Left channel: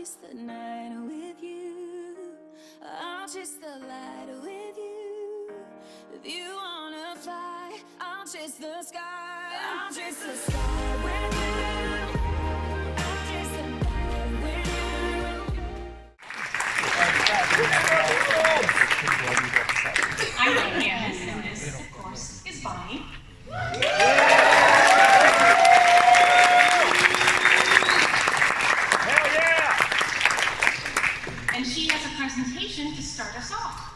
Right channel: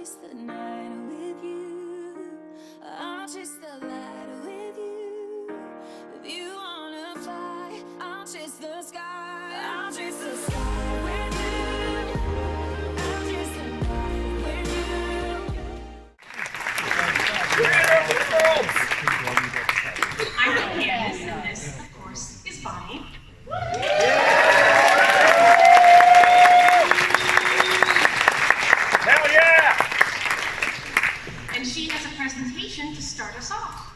chase the night with you. I'll chase the light with you. If you wanna fly, I'll chase the sky. I'll chase the sky with you. I'll chase the night with you. I'm Candace, and this, of course, is Bonnie. And she has a presentation to start us off.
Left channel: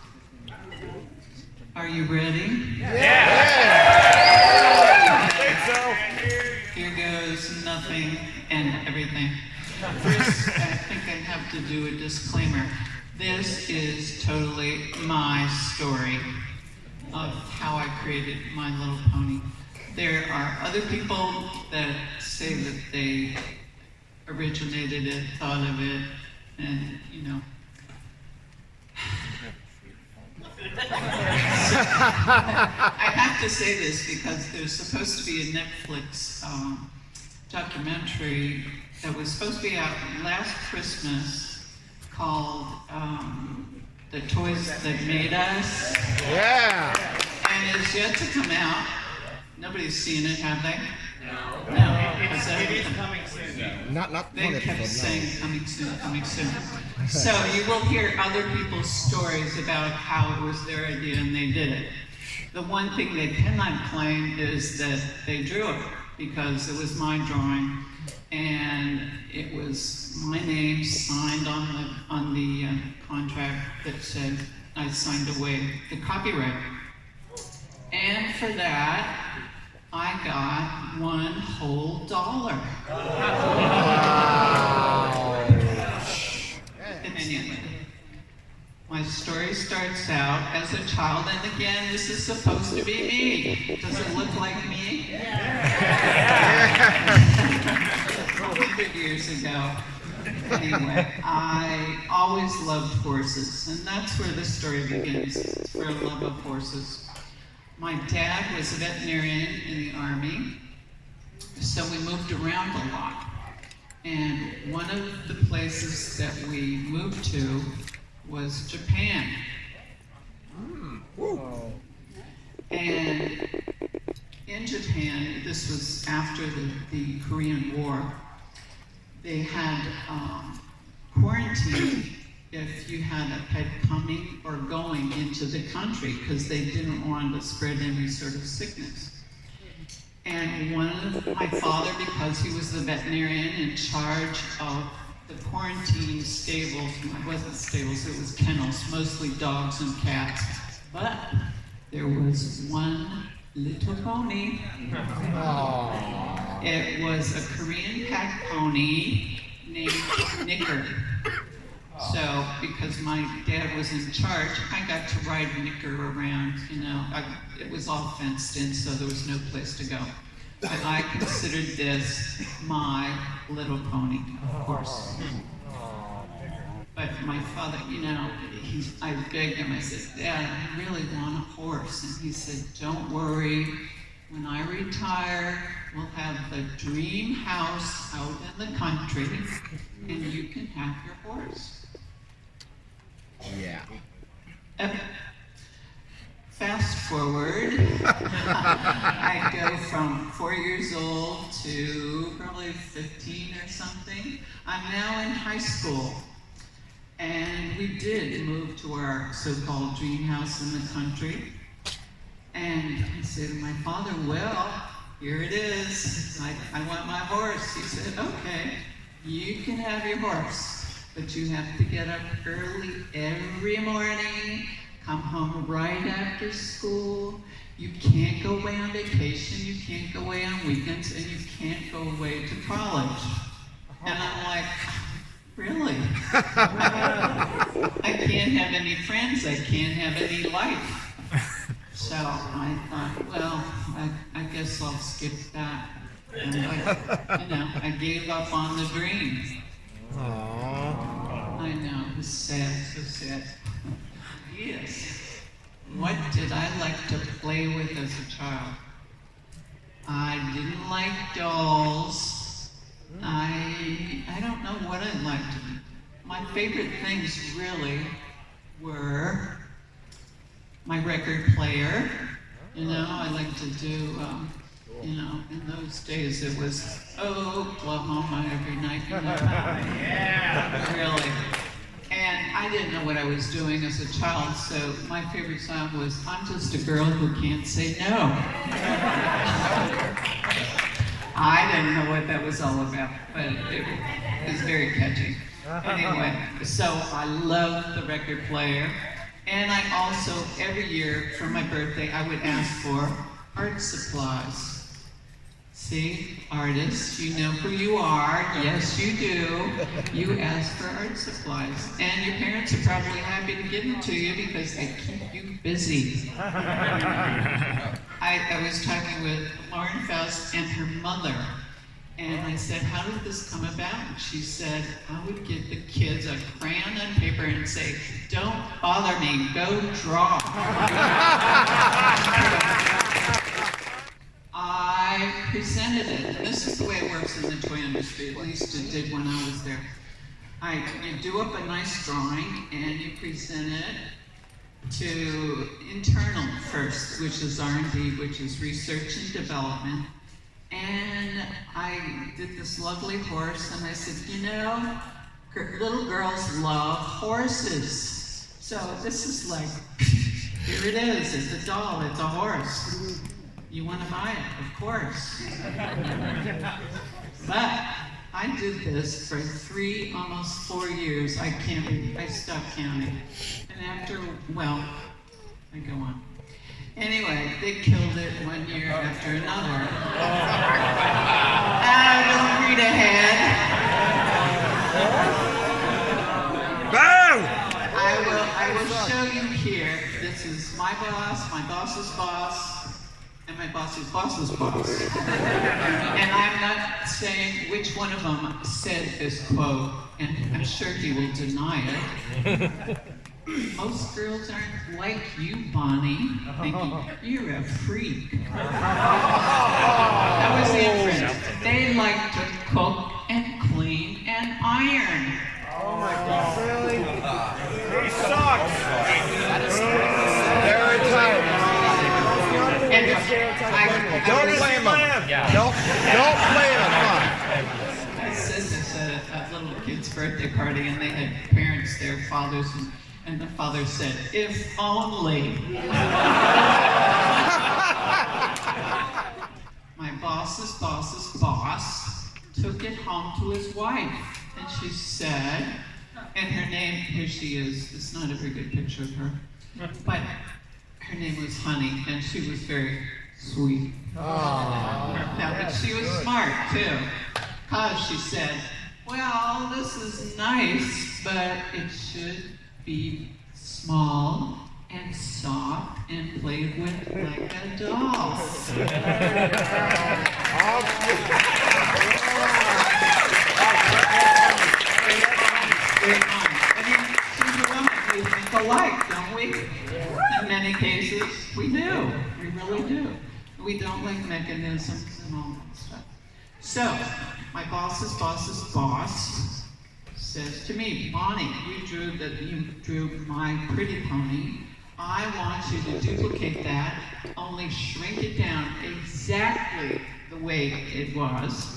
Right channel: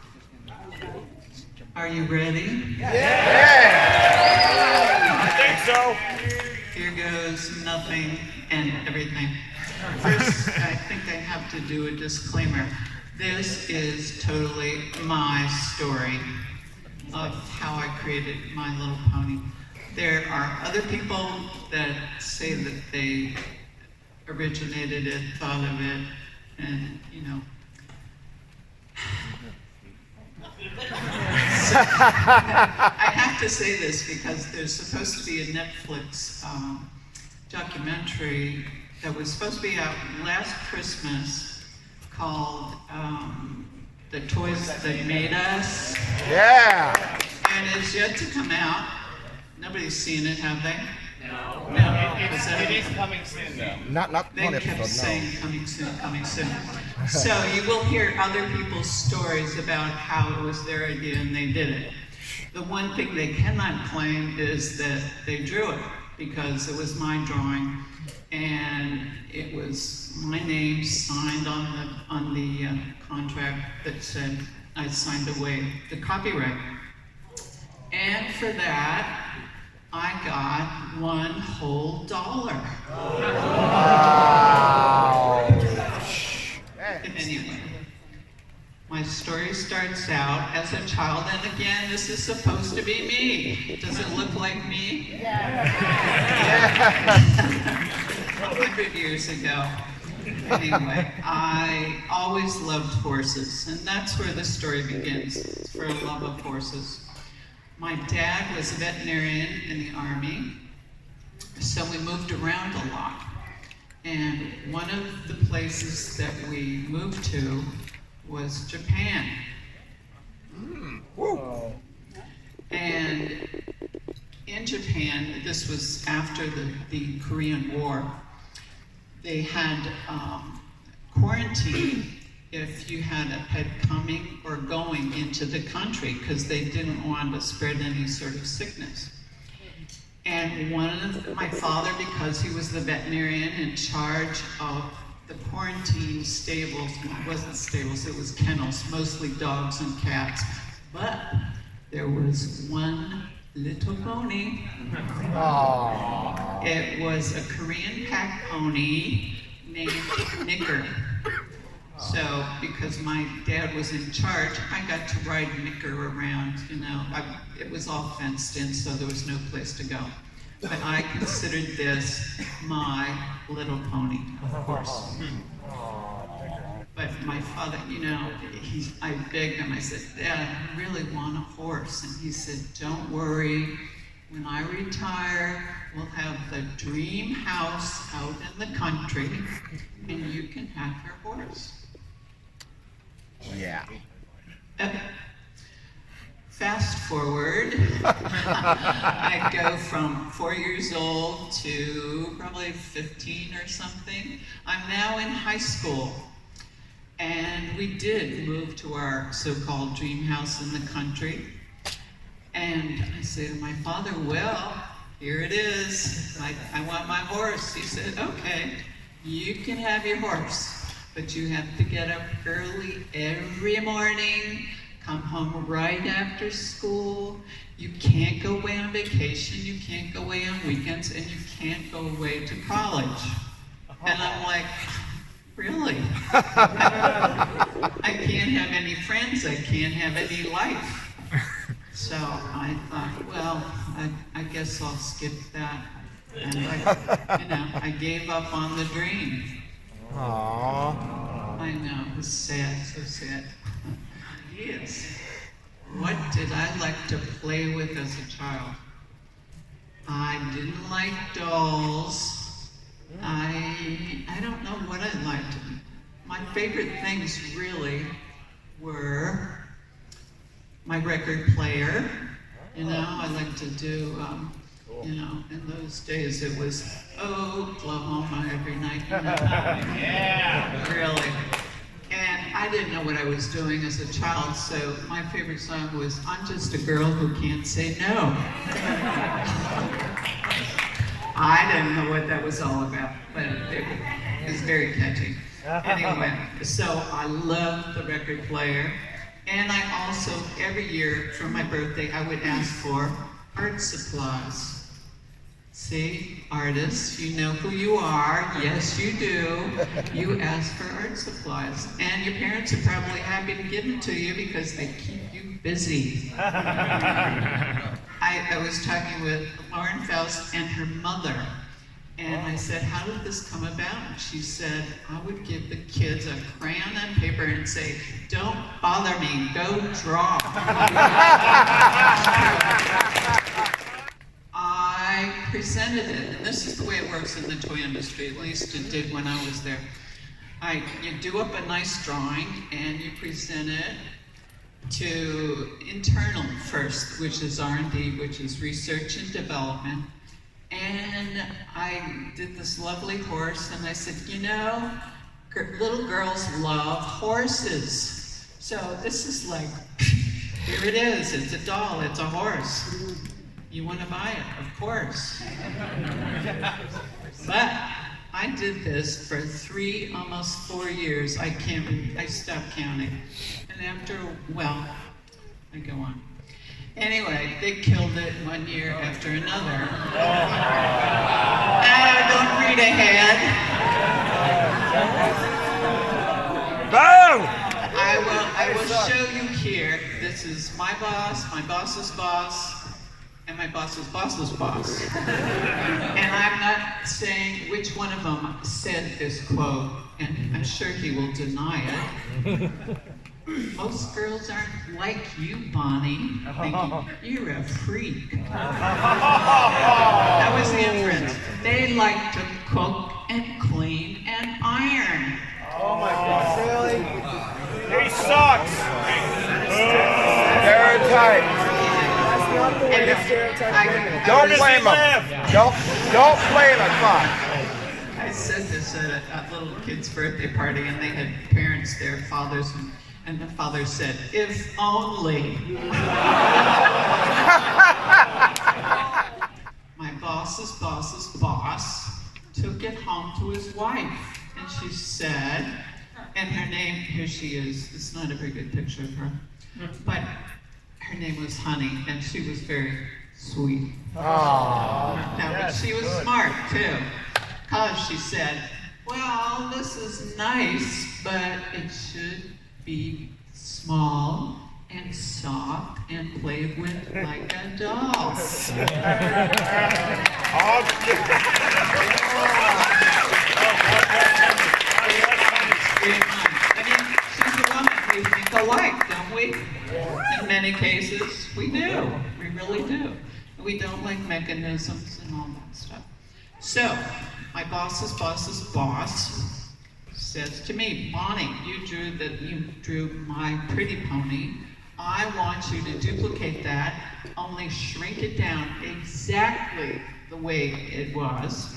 Are you ready? Yeah! I think so. Here goes nothing and everything. First, I think I have to do a disclaimer. This is totally my story of how I created My Little Pony. There are other people that say that they originated it, thought of it, and, you know. So, I have to say this because there's supposed to be a Netflix documentary that was supposed to be out last Christmas called The Toys That Made Us. Yeah! And it's yet to come out. Nobody's seen it, have they? No. No. It's coming soon. Not They kept saying coming soon, coming soon. So you will hear other people's stories about how it was their idea and they did it. The one thing they cannot claim is that they drew it because it was my drawing and it was my name signed on the contract that said I signed away the copyright. And for that, I got $1 whole. Anyway, my story starts out as a child, and again, this is supposed to be me. Does it look like me? Yeah. 100 years ago. Anyway, I always loved horses, and that's where the story begins. It's for a love of horses. My dad was a veterinarian in the Army, so we moved around a lot. And one of the places that we moved to was Japan. And in Japan, this was after the Korean War, they had quarantine if you had a pet coming or going into the country because they didn't want to spread any sort of sickness. And my father, because he was the veterinarian in charge of the quarantine stables, it wasn't stables, it was kennels, mostly dogs and cats, but there was one little pony. It was a Korean pack pony named Knicker. So, because my dad was in charge, I got to ride Knicker around, you know. It was all fenced in, so there was no place to go. But I considered this my little pony, of course. But my father, you know, I begged him, I said, Dad, I really want a horse. And he said, don't worry, when I retire, we'll have the dream house out in the country, and you can have your horse. Yeah. Fast forward, I go from 4 years old to probably 15 or something. I'm now in high school, and we did move to our so-called dream house in the country. And I said to my father, well, here it is. I want my horse. He said, okay, you can have your horse, but you have to get up early every morning, come home right after school. You can't go away on vacation, you can't go away on weekends, and you can't go away to college. And I'm like, really? I can't have any friends, I can't have any life. So I thought, well, I guess I'll skip that. And I gave up on the dream. Aww. I know, it was sad, so sad. Yes. What did I like to play with as a child? I didn't like dolls. I don't know what I liked. My favorite things really were my record player. You know, I like to do, in those days it was Oklahoma every night. You know? Yeah. Really. And I didn't know what I was doing as a child, so my favorite song was I'm Just a Girl Who Can't Say No. I didn't know what that was all about, but it was very catchy. Anyway, so I love the record player. And I also, every year for my birthday, I would ask for art supplies. See, artists, you know who you are. Yes, you do. You ask for art supplies. And your parents are probably happy to give them to you because they keep you busy. I was talking with Lauren Faust and her mother. And I said, how did this come about? She said, I would give the kids a crayon and paper and say, don't bother me, go draw. I presented it, and this is the way it works in the toy industry, at least it did when I was there. You do up a nice drawing, and you present it to internal first, which is R&D, which is research and development. And I did this lovely horse, and I said, you know, little girls love horses. So this is like, here it is, it's a doll, it's a horse. You want to buy it, of course. But I did this for almost 4 years. I stopped counting. And after, well, I go on. Anyway, they killed it one year after another. Don't read ahead. Boom! I will show you here. This is my boss's boss, and my boss's boss's boss. And I'm not saying which one of them said this quote, and I'm sure he will deny it. Most girls aren't like you, Bonnie. Thinking, you're a freak. That was the inference. They like to cook and clean and iron. Oh my God, really? He sucks! Stereotype. Don't blame him. Don't blame him. I said this at a little kid's birthday party, and they had parents there, fathers, and the father said, if only. My boss's boss's boss took it home to his wife, and she said, and her name, here she is, it's not a very good picture of her, but her name was Honey, and she was very sweet. No, but she was smart too, because she said, well, this is nice, but it should be small and soft and played with like a doll. I mean, she's a woman. We think alike, don't we? In many cases, we do. We really do. We don't like mechanisms and all that stuff. So, my boss's boss's boss says to me, Bonnie, you drew my pretty pony. I want you to duplicate that, only shrink it down exactly the way it was,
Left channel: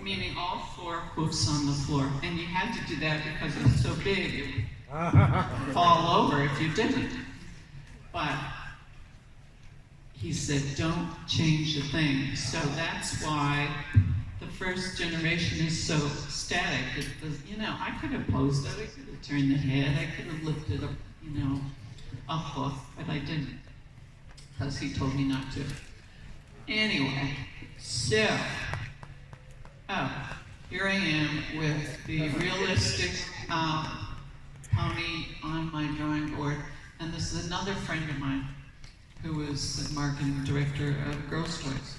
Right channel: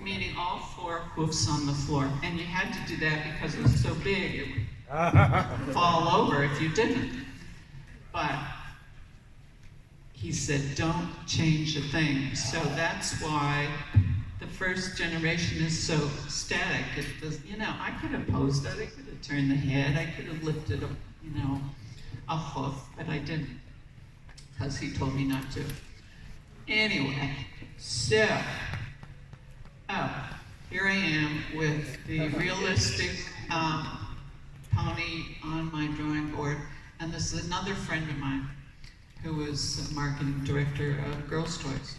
meaning all 4 hoofs on the floor. And you had to do that because it was so big, it would fall over if you didn't. But he said, don't change a thing. So that's why the first generation is so static. It does, I could have posed it, I could have turned the head, I could have lifted up, a hoof, but I didn't, because he told me not to. Anyway, so, here I am with the realistic pony on my drawing board, and this is another friend of mine who was the marketing director of Girls' Toys.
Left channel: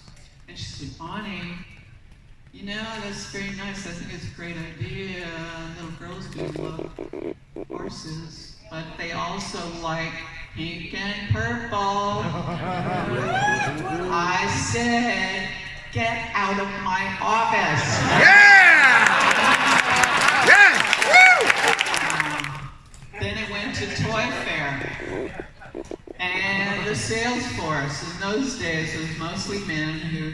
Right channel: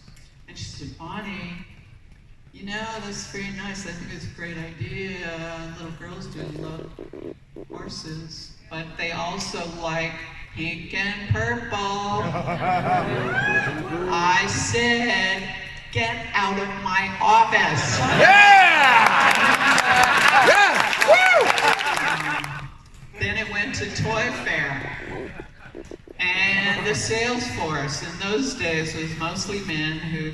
And she said, Bonnie, that's very nice. I think it's a great idea. Little girls do love horses, but they also like pink and purple. I said, get out of my office. Yeah! Yes! Woo! Then it went to Toy Fair. And the sales force in those days was mostly men who,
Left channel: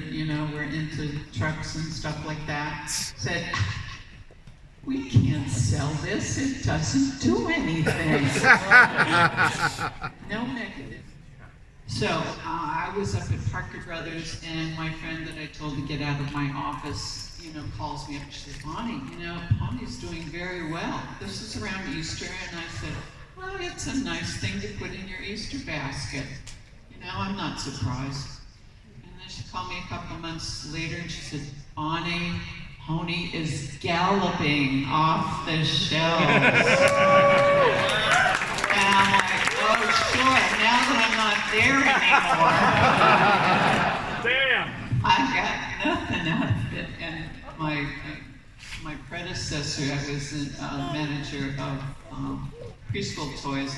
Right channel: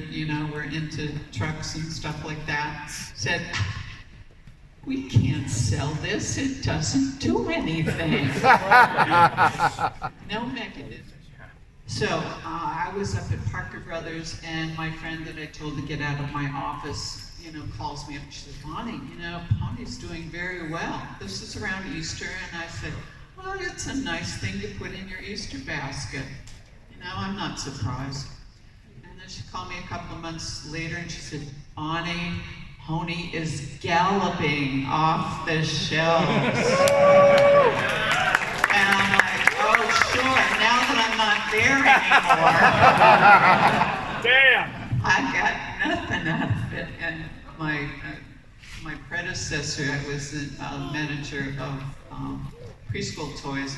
were into trucks and stuff like that, said, we can't sell this, it doesn't do anything. No mechanism. So I was up at Parker Brothers, and my friend that I told to get out of my office, calls me up and she said, Bonnie, Bonnie's doing very well. This is around Easter, and I said, well, it's a nice thing to put in your Easter basket. I'm not surprised. And then she called me a couple of months later and she said, Bonnie, pony is galloping off the shelves. And I'm like, oh, sure, now that I'm not there anymore. Damn! I got nothing out of it. And my predecessor, I was the manager of preschool toys,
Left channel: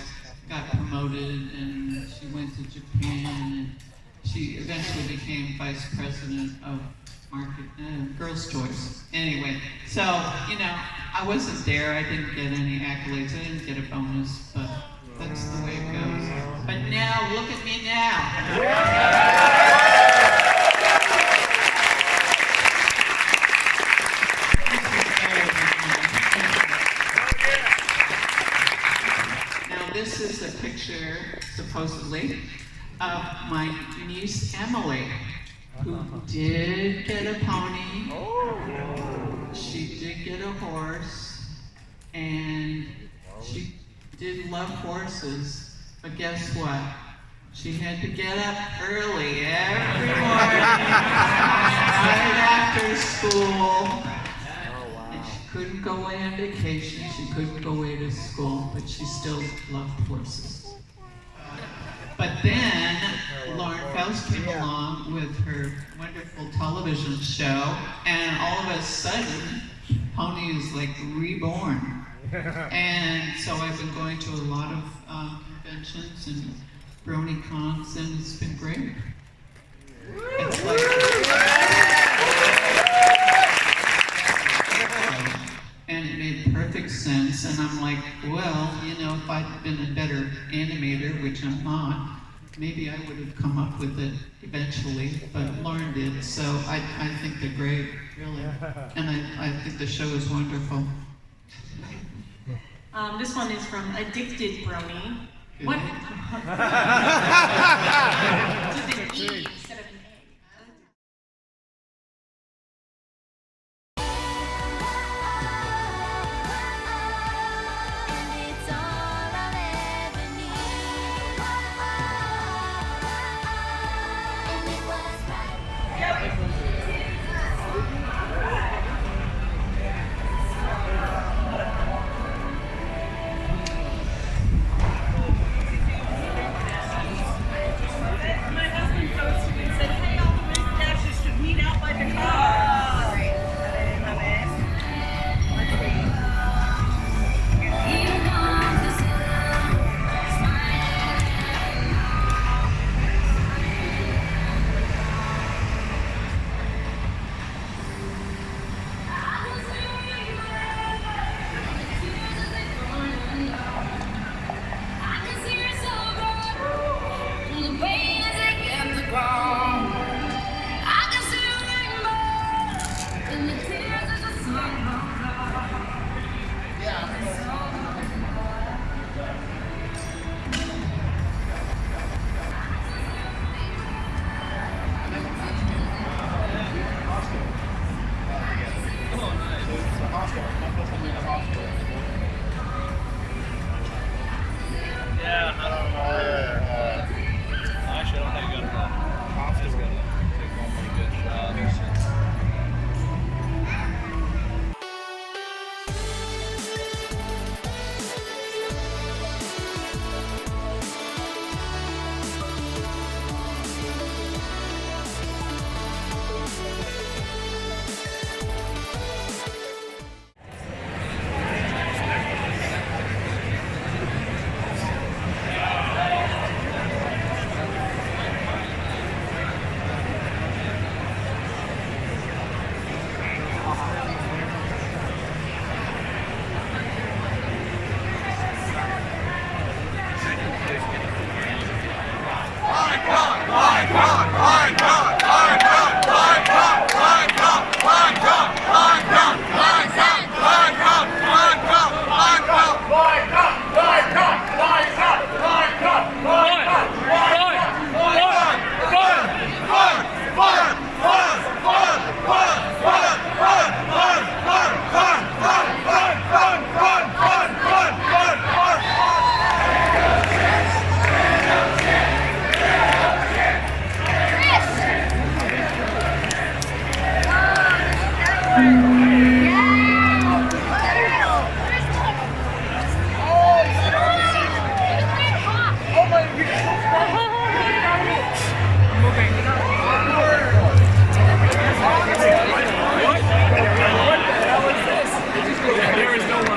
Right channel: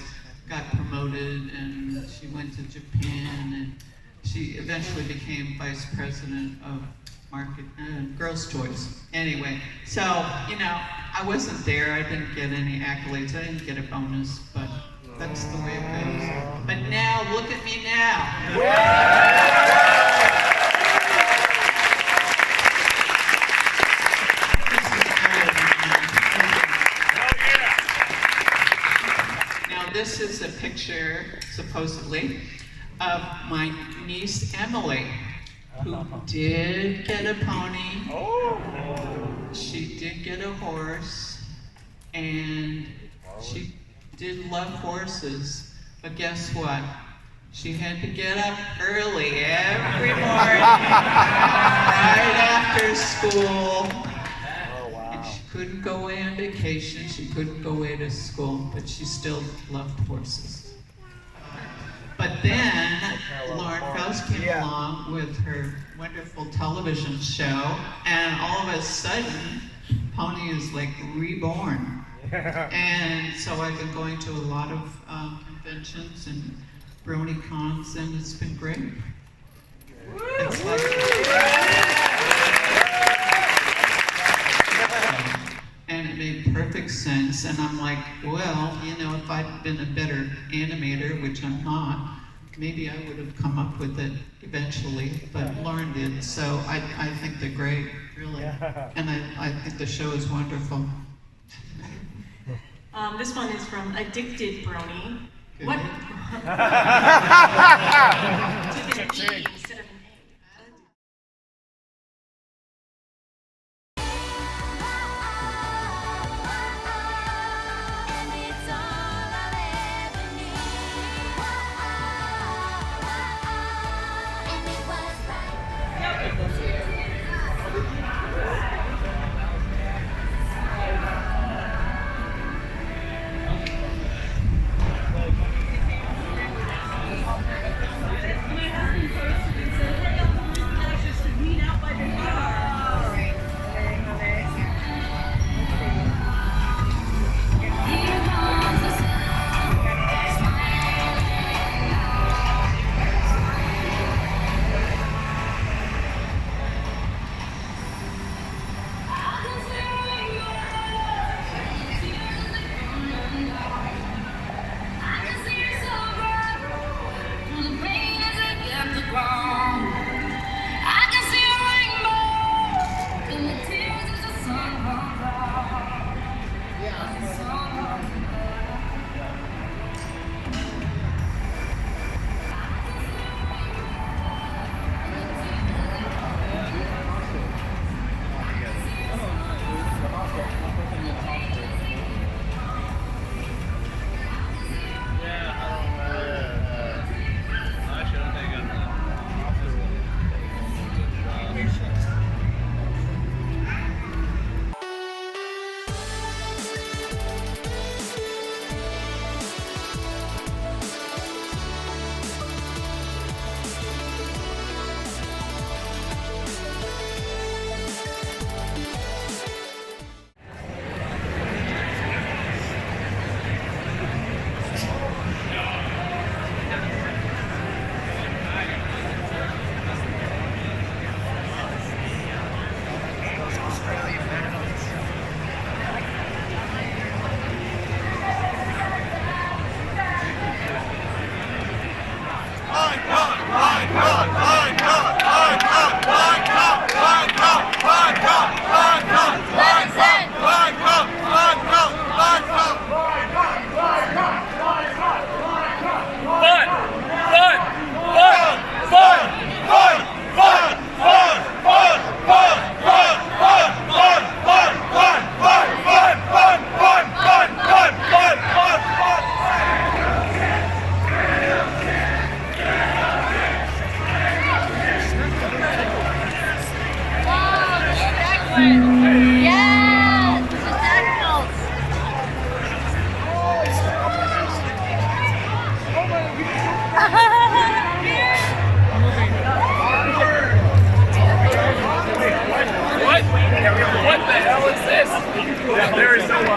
got promoted, and she went to Japan, and she eventually became vice president of Girls' Toys. Anyway, so, I wasn't there, I didn't get any accolades, I didn't get a bonus, but that's the way it goes. But now, look at me now. This is a picture, supposedly, of my niece Emily, who did get a pony. She did get a horse, and she did love horses. But guess what? She had to get up early every morning, right after school. Couldn't go away on vacation, she couldn't go away to school, but she still loved horses. But then Lauren Faust came along with her wonderful television show, and all of a sudden, Pony is like reborn. And so I've been going to a lot of conventions and Bronycons, and it's been great. It's like... And it made perfect sense, and I'm like, well, if I'd been a better animator, which I'm not, maybe I would have come up with it eventually, but Lauren did, so I think they're great, really. And I think the show is wonderful. This one is from Addicted Brony. What? To the E instead of an A. And it's all I'll ever need. And it was right.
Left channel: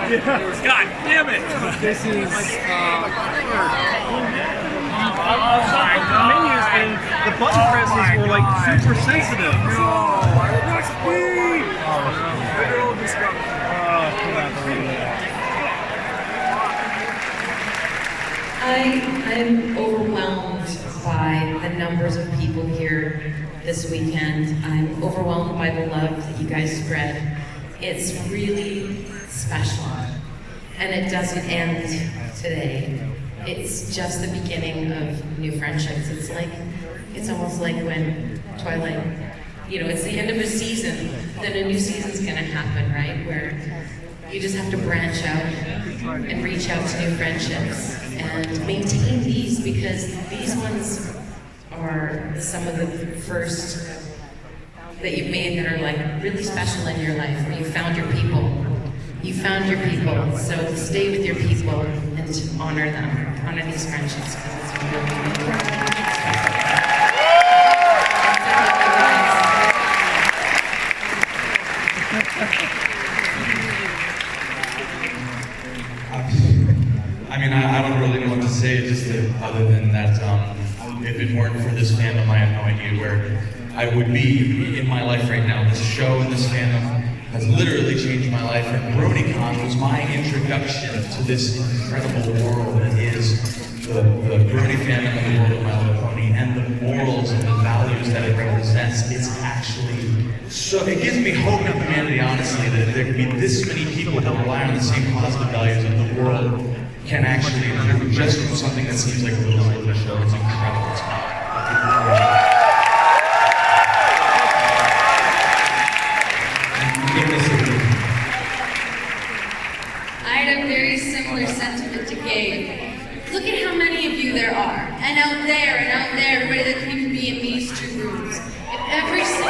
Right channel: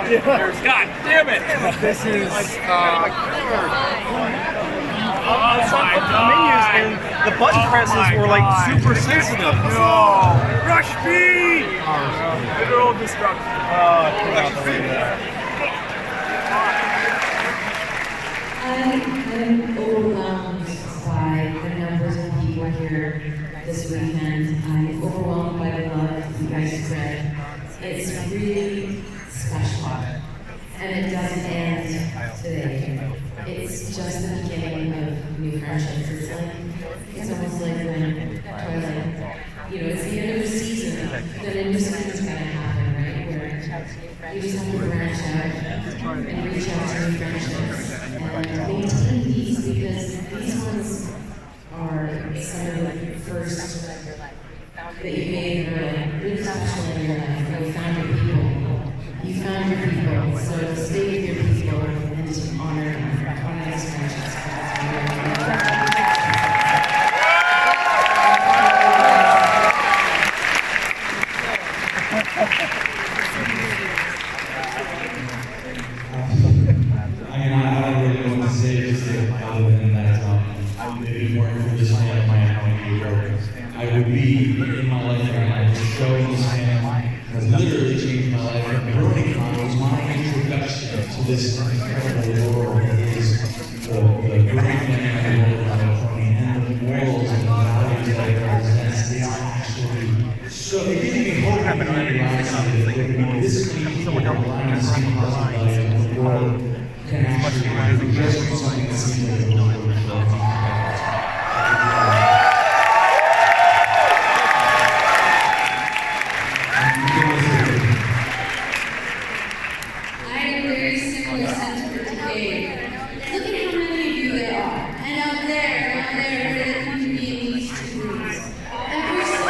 God damn it! This is. Oh my god! The button presses were like super sensitive. No! Rush speed! Literal destruction. I'm overwhelmed by the numbers of people here this weekend. I'm overwhelmed by the love that you guys spread. It's really special. And it doesn't end today. It's just the beginning of new friendships. It's almost like when Twilight, it's the end of a season, then a new season's gonna happen, right? Where you just have to branch out and reach out to new friendships and maintain these, because these ones are some of the first that you've made that are like really special in your life, where you found your people. You found your people, so to stay with your people and to honor them, honor these friendships. I mean, I don't really know what to say, just other than that, if it weren't for this fandom, I have no idea where I would be in my life right now. This show and this fandom has literally changed my life. And Bronycon was my introduction to this incredible world that is the Brony family and the world around the pony, and the morals and the values that it represents. It's actually, so it gives me hope in humanity, honestly, that there can be this many people that rely on the same positive values, and the world can actually just do something that seems like a little bit of a I had a very similar sentiment to Gabe. Look at how many of you there are. And out there, everybody that came to be in these two rooms. If every single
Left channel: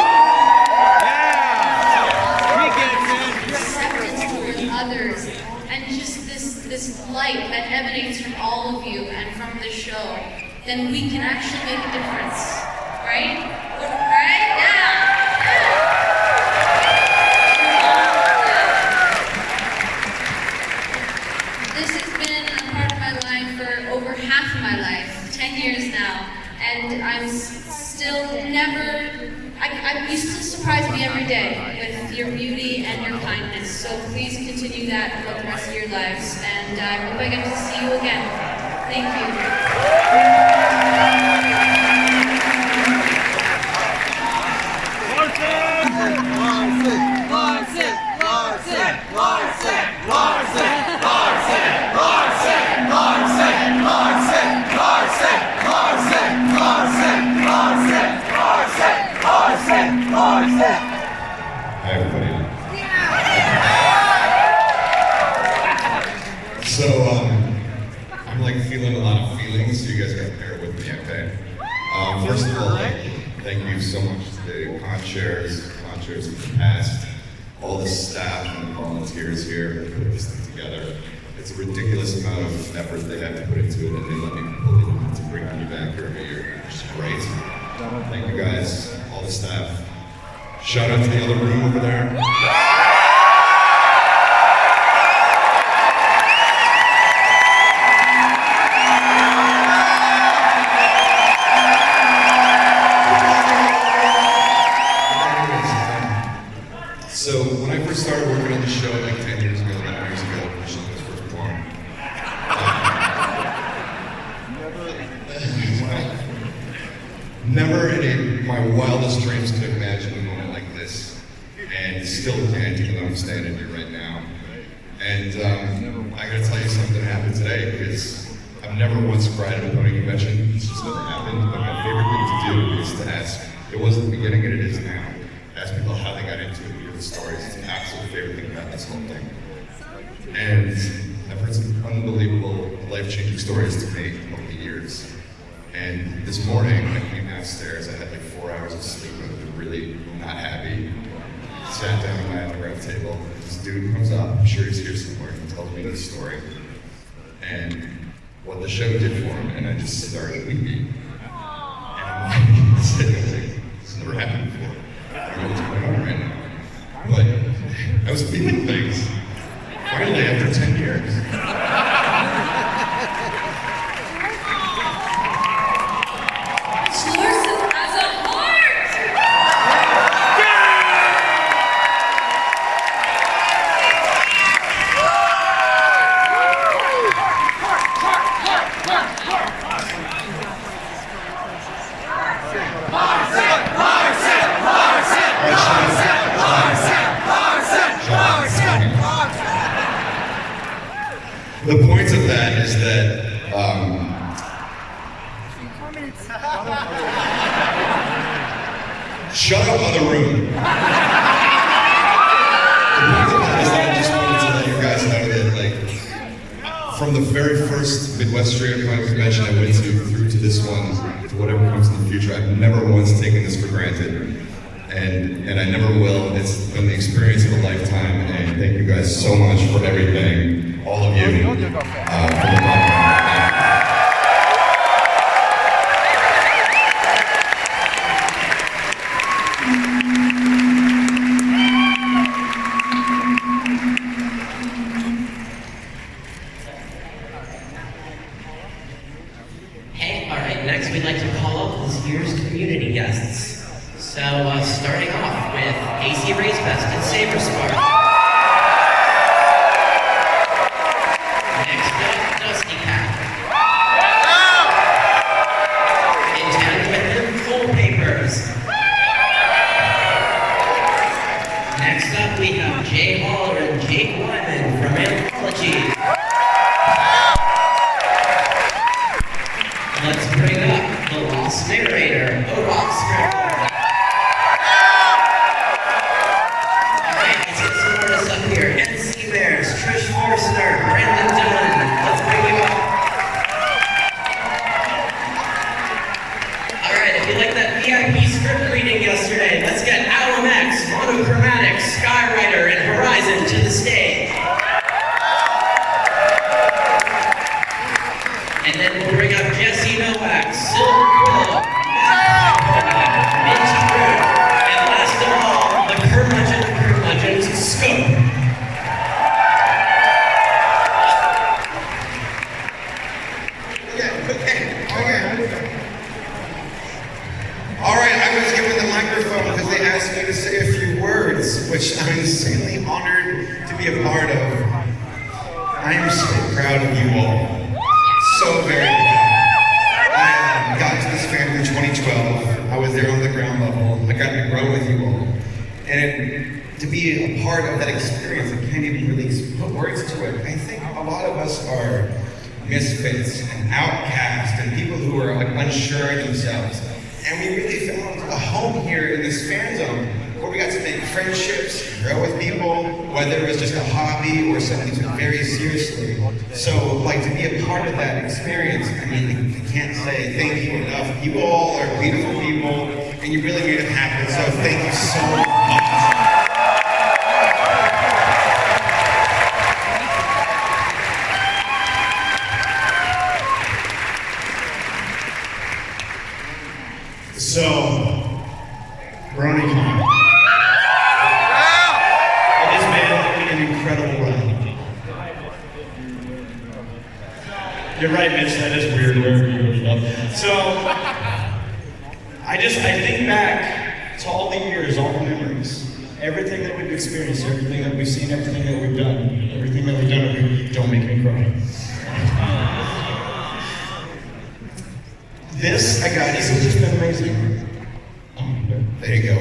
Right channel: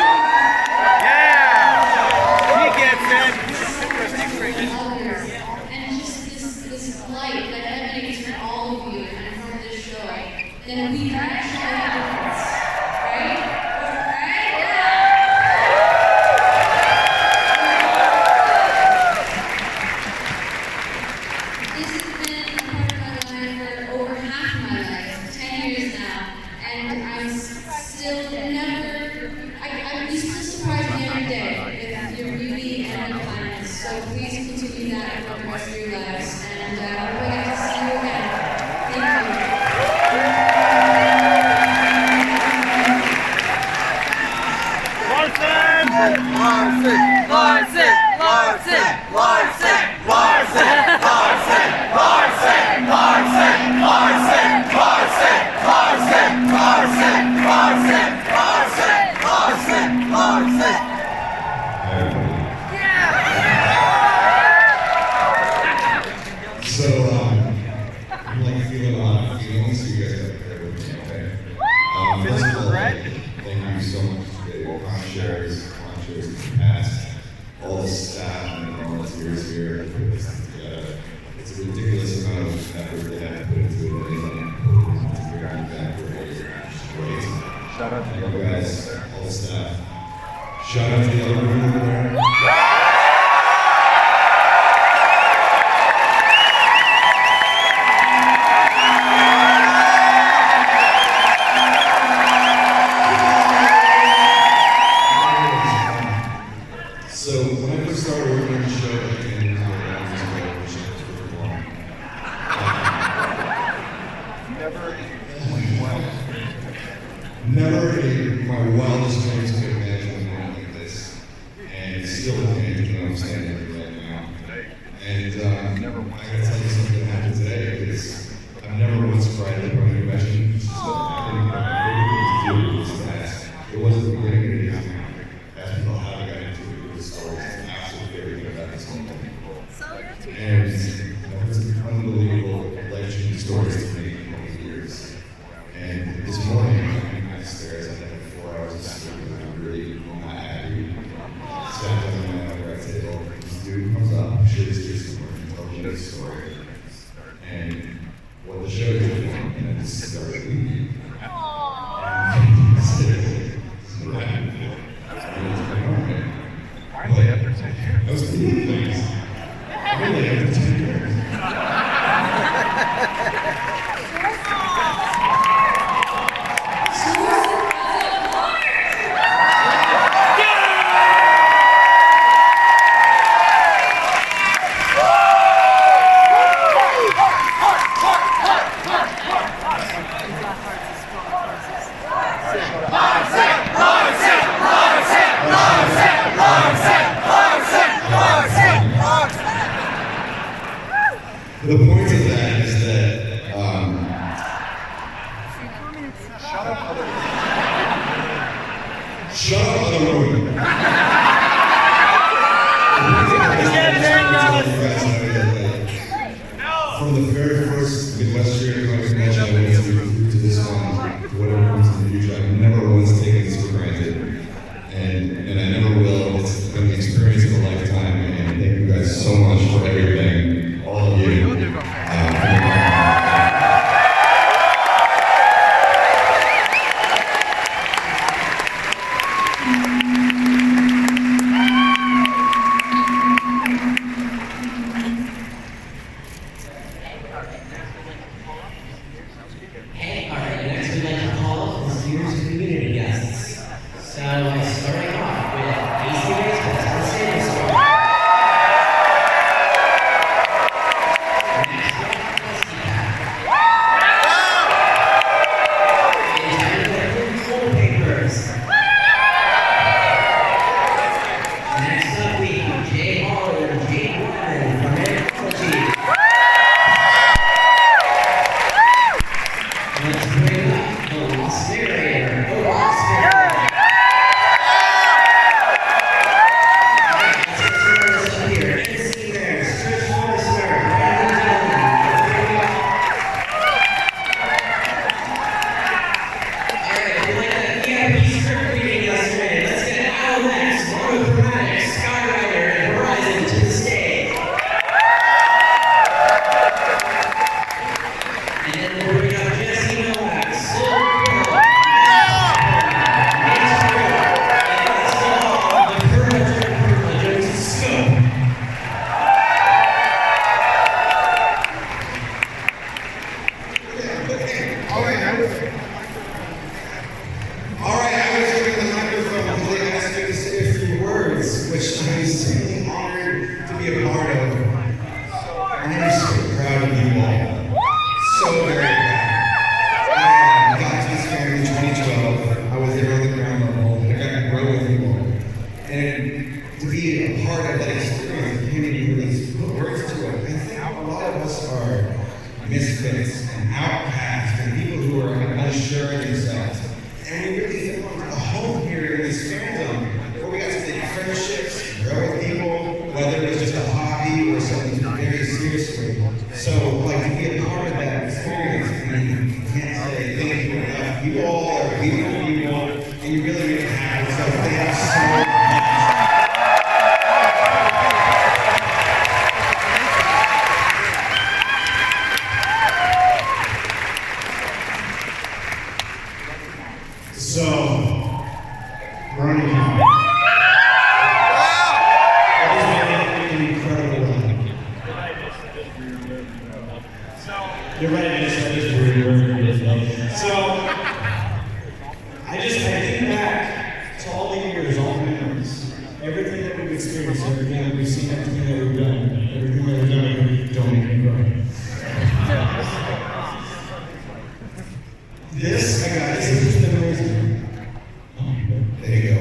separate from others, and just this light that emanates from all of you and from this show, then we can actually make a difference. Right? Right? Yeah! This has been a part of my life for over half of my life, 10 years now, and I'm still never, you still surprise me every day with your beauty and your kindness, so please continue that for the rest of your lives, and I hope I get to see you again. Thank you. Hi, everybody. So, I'm like feeling a lot of feelings, so you guys gotta bear with me, okay? First of all, thank you so much to the conchairs of the past, all the staff and volunteers here who put this thing together. It's a ridiculous amount of effort they have to put into it, and they let me put it to bring me back every year, which is great. Thank you guys, all the staff. Shout out to the other room over there. So when I first started working on the show like 10 years ago, 11 years ago, the show was performed. Never in my wildest dreams could I imagine a moment like this, and still can't even understand it right now. And I gotta tell you something that happened today, because I've never once cried at a Brony convention. It's just never happened. But my favorite thing to do is to ask. It was at the beginning and it is now. Ask people how they got into it, hear the stories. It's the absolute favorite thing about this whole thing. And I've heard some unbelievable, life-changing stories to me over the years. And this morning, downstairs, I had like 4 hours of sleep. I was really not happy. Sat down around the table. This dude comes up. I'm sure he's here somewhere. He told me this story. And what the show did for me, and I just started weeping. And I'm sitting there like, this never happened before. What's going on right now? Well, I was feeling things. Really, after The point of that is that shut up, other room. The point of that is that I just wanted to let you guys know that, like, from the very first Midwest Street Comic Convention I went to through to this one, to whatever comes in the future, I've never once taken this for granted. And I never will. It's been the experience of a lifetime, and thank you guys so much for everything, all of you. Hey, all right, next we'd like to call this year's community guests. So, starting off with AC Race Best and Saber Star. Next up, Dusty Cat. In town with the Coal Papers. Next up, we have Jay Holler and Jake Wyman from Anthropology. Let's bring up the Lost Narrator, the Lost Narrator. Alright, let's get some artists up here. NC Bears, Trish Forster, Brandon Dillon. Let's bring you up. Alright, if you like that VIP script reading yesterday, let's get Alan X, Monochromatic, Skywriter, and Horizon to the stage. And then we'll bring up Jesse Novak, Silver Quill, Mint Crew, and last of all, the curmudgeon's Scope. All right, I was given the microphone because they asked me to say a few words, which I'm insanely honored to be a part of. I am so proud of you all. So very proud. I got to this family in 2012. I was there on the ground level. I got to grow with you all. And to be a part of that experience, I can't even really put words to it. I think a lot of us are misfits and outcasts and people who are unsure of themselves. And we really found a home here in this fan zone where we got to make friendships, grow with people, whether it was just a hobby or something very seriously. So, like, to be a part of that experience, I mean, I can't say thank you enough. You all are beautiful people, and you really made it happen, so thank you so much. So, Bronycon. It has been an incredible run. You're right, Mitch, that is weird. So, I think back to all the years, all the memories, everything that we've experienced, everything that we've seen, everything that we've done, don't make me cry. This has just been amazing. There you go.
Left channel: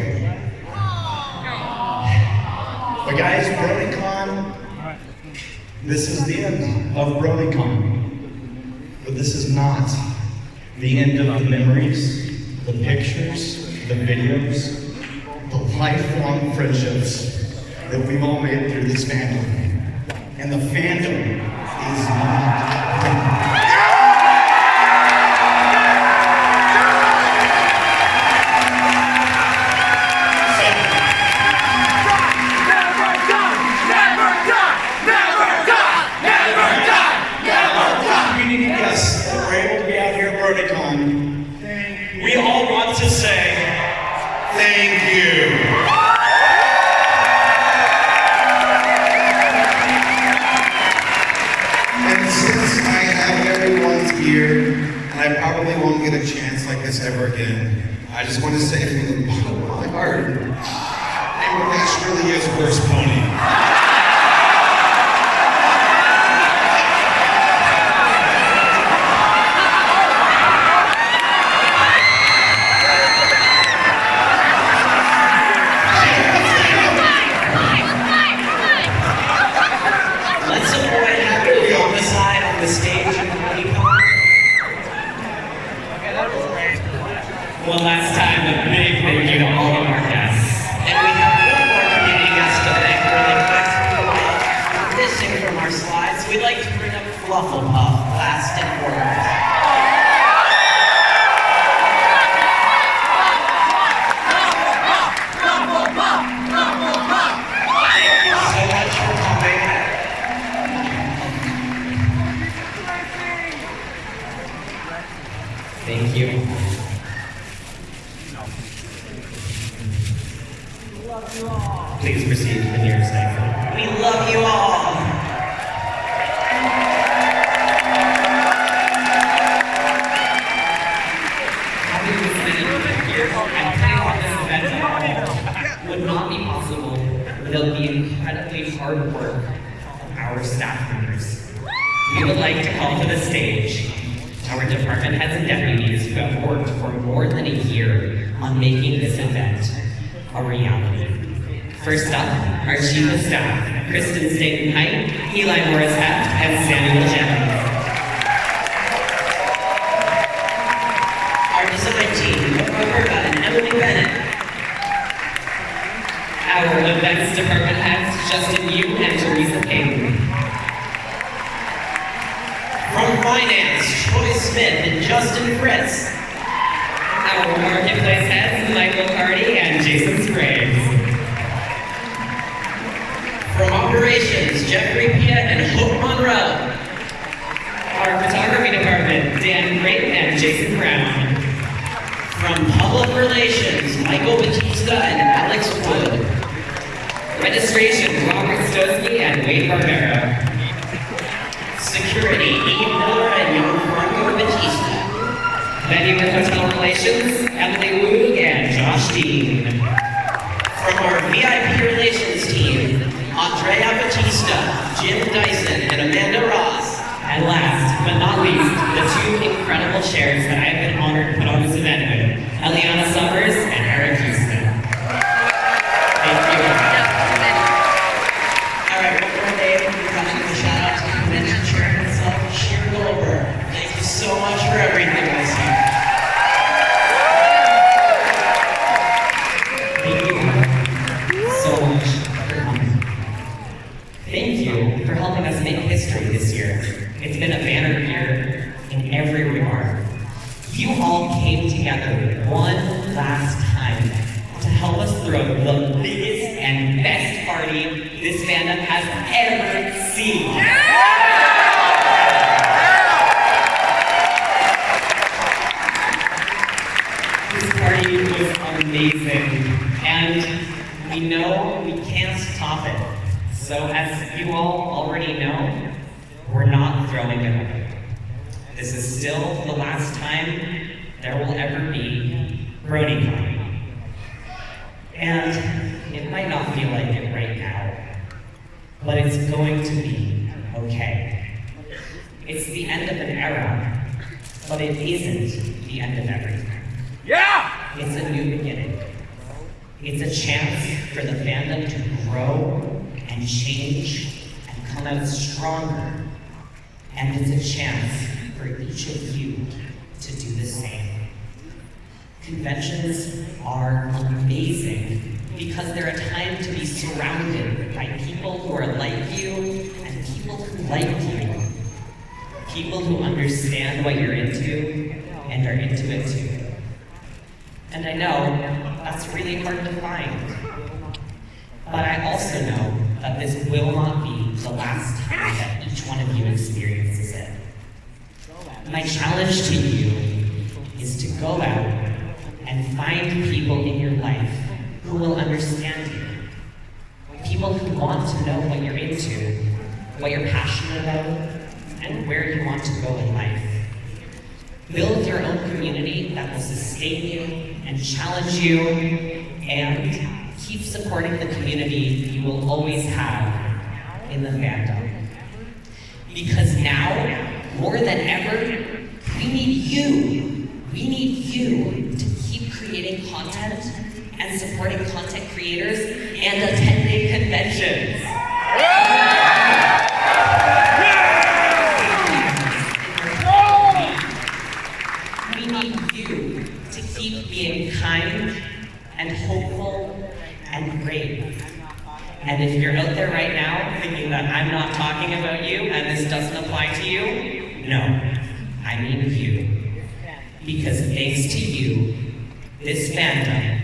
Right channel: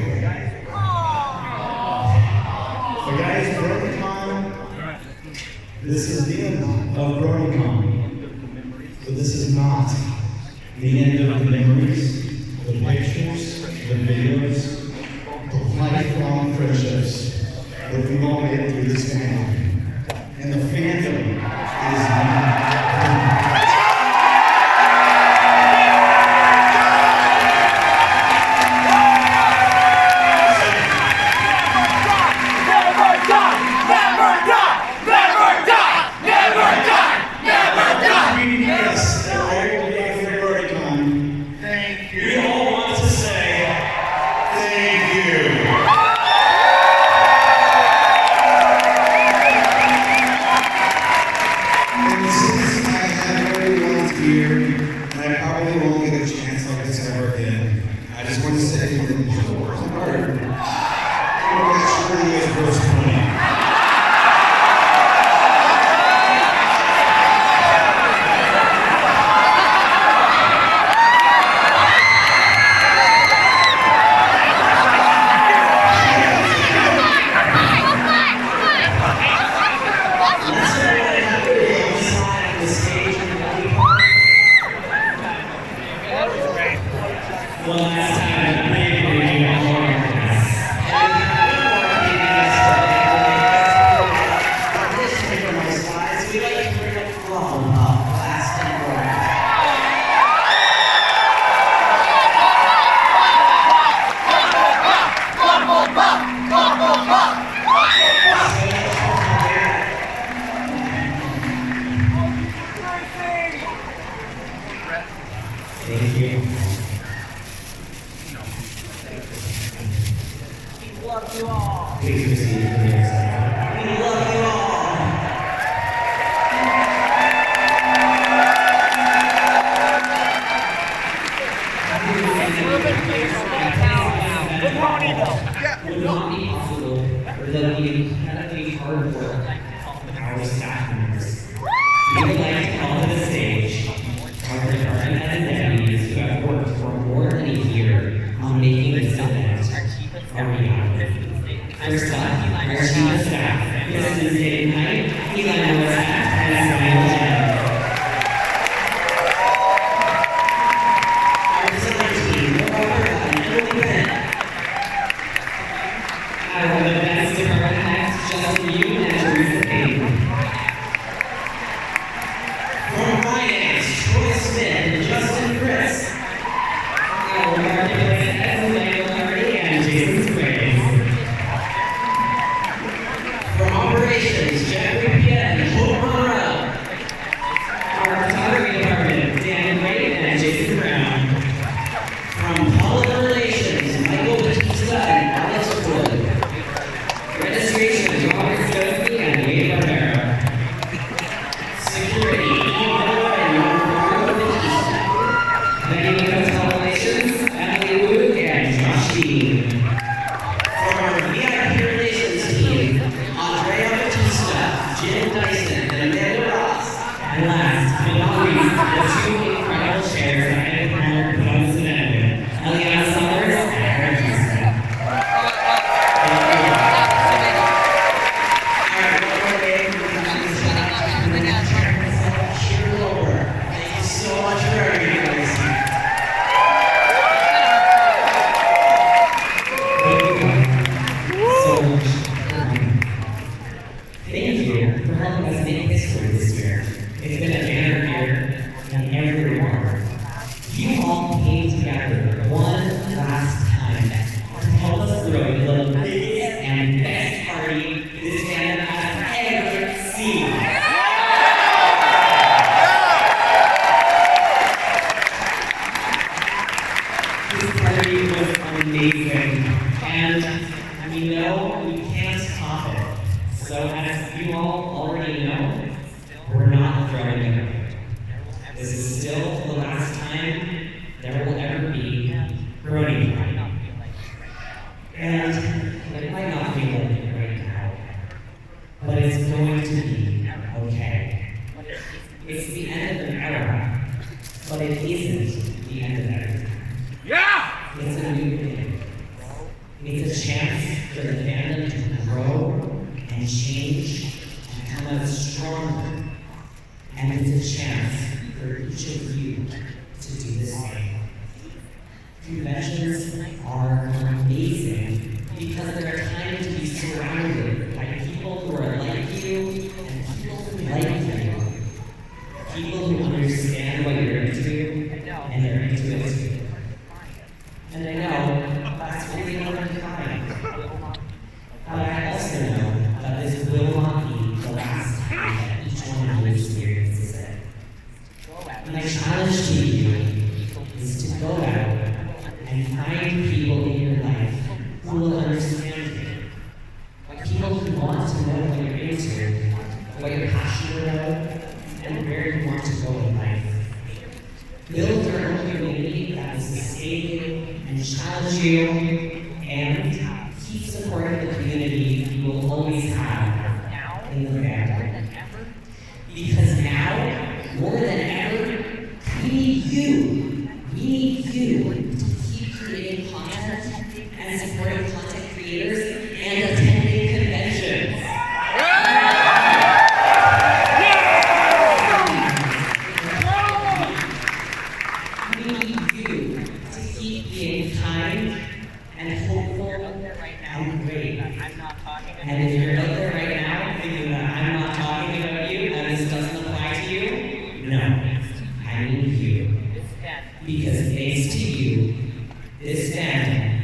But guys, Bronycon, this is the end of Bronycon. But this is not the end of the memories, the pictures, the videos, the lifelong friendships that we've all made through this fandom. And the fandom is not of our staff members. We would like to call to the stage our department heads and deputies who have worked for more than a year on making this event a reality. First up, our chief of staff, Kristen Staten-Height, Eli Morris-Heft, and Samuel Jennings. Our design team, Roberta and Emily Bennett. Our events department heads, Justin Yu and Teresa Payton. From finance, Troy Smith and Justin Fritz. Our marketplace heads, Michael Hardy and Jason Spragues. From operations, Jeffrey Pia and Hope Monroe. Our photography department, Dan Creighton and Jason Brown. From public relations, Michael Batista and Alex Wood. Registration, Robert Stosky and Wade Barbera. Security, Ian Miller and Yoram Batista. Venue and hotel relations, Emily Wu and Josh Dean. From our VIP relations team, Andrea Batista, Jim Dyson, and Amanda Ross. And last but not least, the two incredible chairs that I have been honored to put on this event with, Eliana Summers and Aaron Houston. Thank you. All right, we're ready to shout out to the convention chair herself, Sheila Lober. Thank you so much for everything this year. Thank you so much for coming. Thank you for helping us make history this year. It's been a banner year in every regard. You all came together one last time to help us throw the biggest and best party this fandom has ever seen. This party was amazing, and we know we can't top it. So as you all already know, we're not throwing it away. This is still the last time there will ever be Bronycon. And it might not feel like it right now, but it's going to be okay. It's the end of an era, but it isn't the end of everything. Yeah! It's a new beginning. It's a chance for the fandom to grow and change and come out stronger. And it's a chance for each of you to do the same. Conventions are amazing because they're a time to be surrounded by people who are like you and people who like you. People who understand what you're into and are into it too. And I know that's really hard to find. But I also know that this will not be the last time that each one of you experiences it. My challenge to you is to go out and find people in your life who will understand you. People who want to know what you're into, what you're passionate about, and where you want to go in life. Build your own community that will sustain you and challenge you, and keep supporting the community you will always have in the fandom. Because now, more than ever, we need you. We need you to keep creating content and supporting content creators and attending conventions. We need you to keep being kind and hopeful and brave. And if you're out there right now thinking that I'm not talking about you and this doesn't apply to you, no, I mean you. Because thanks to you, this fandom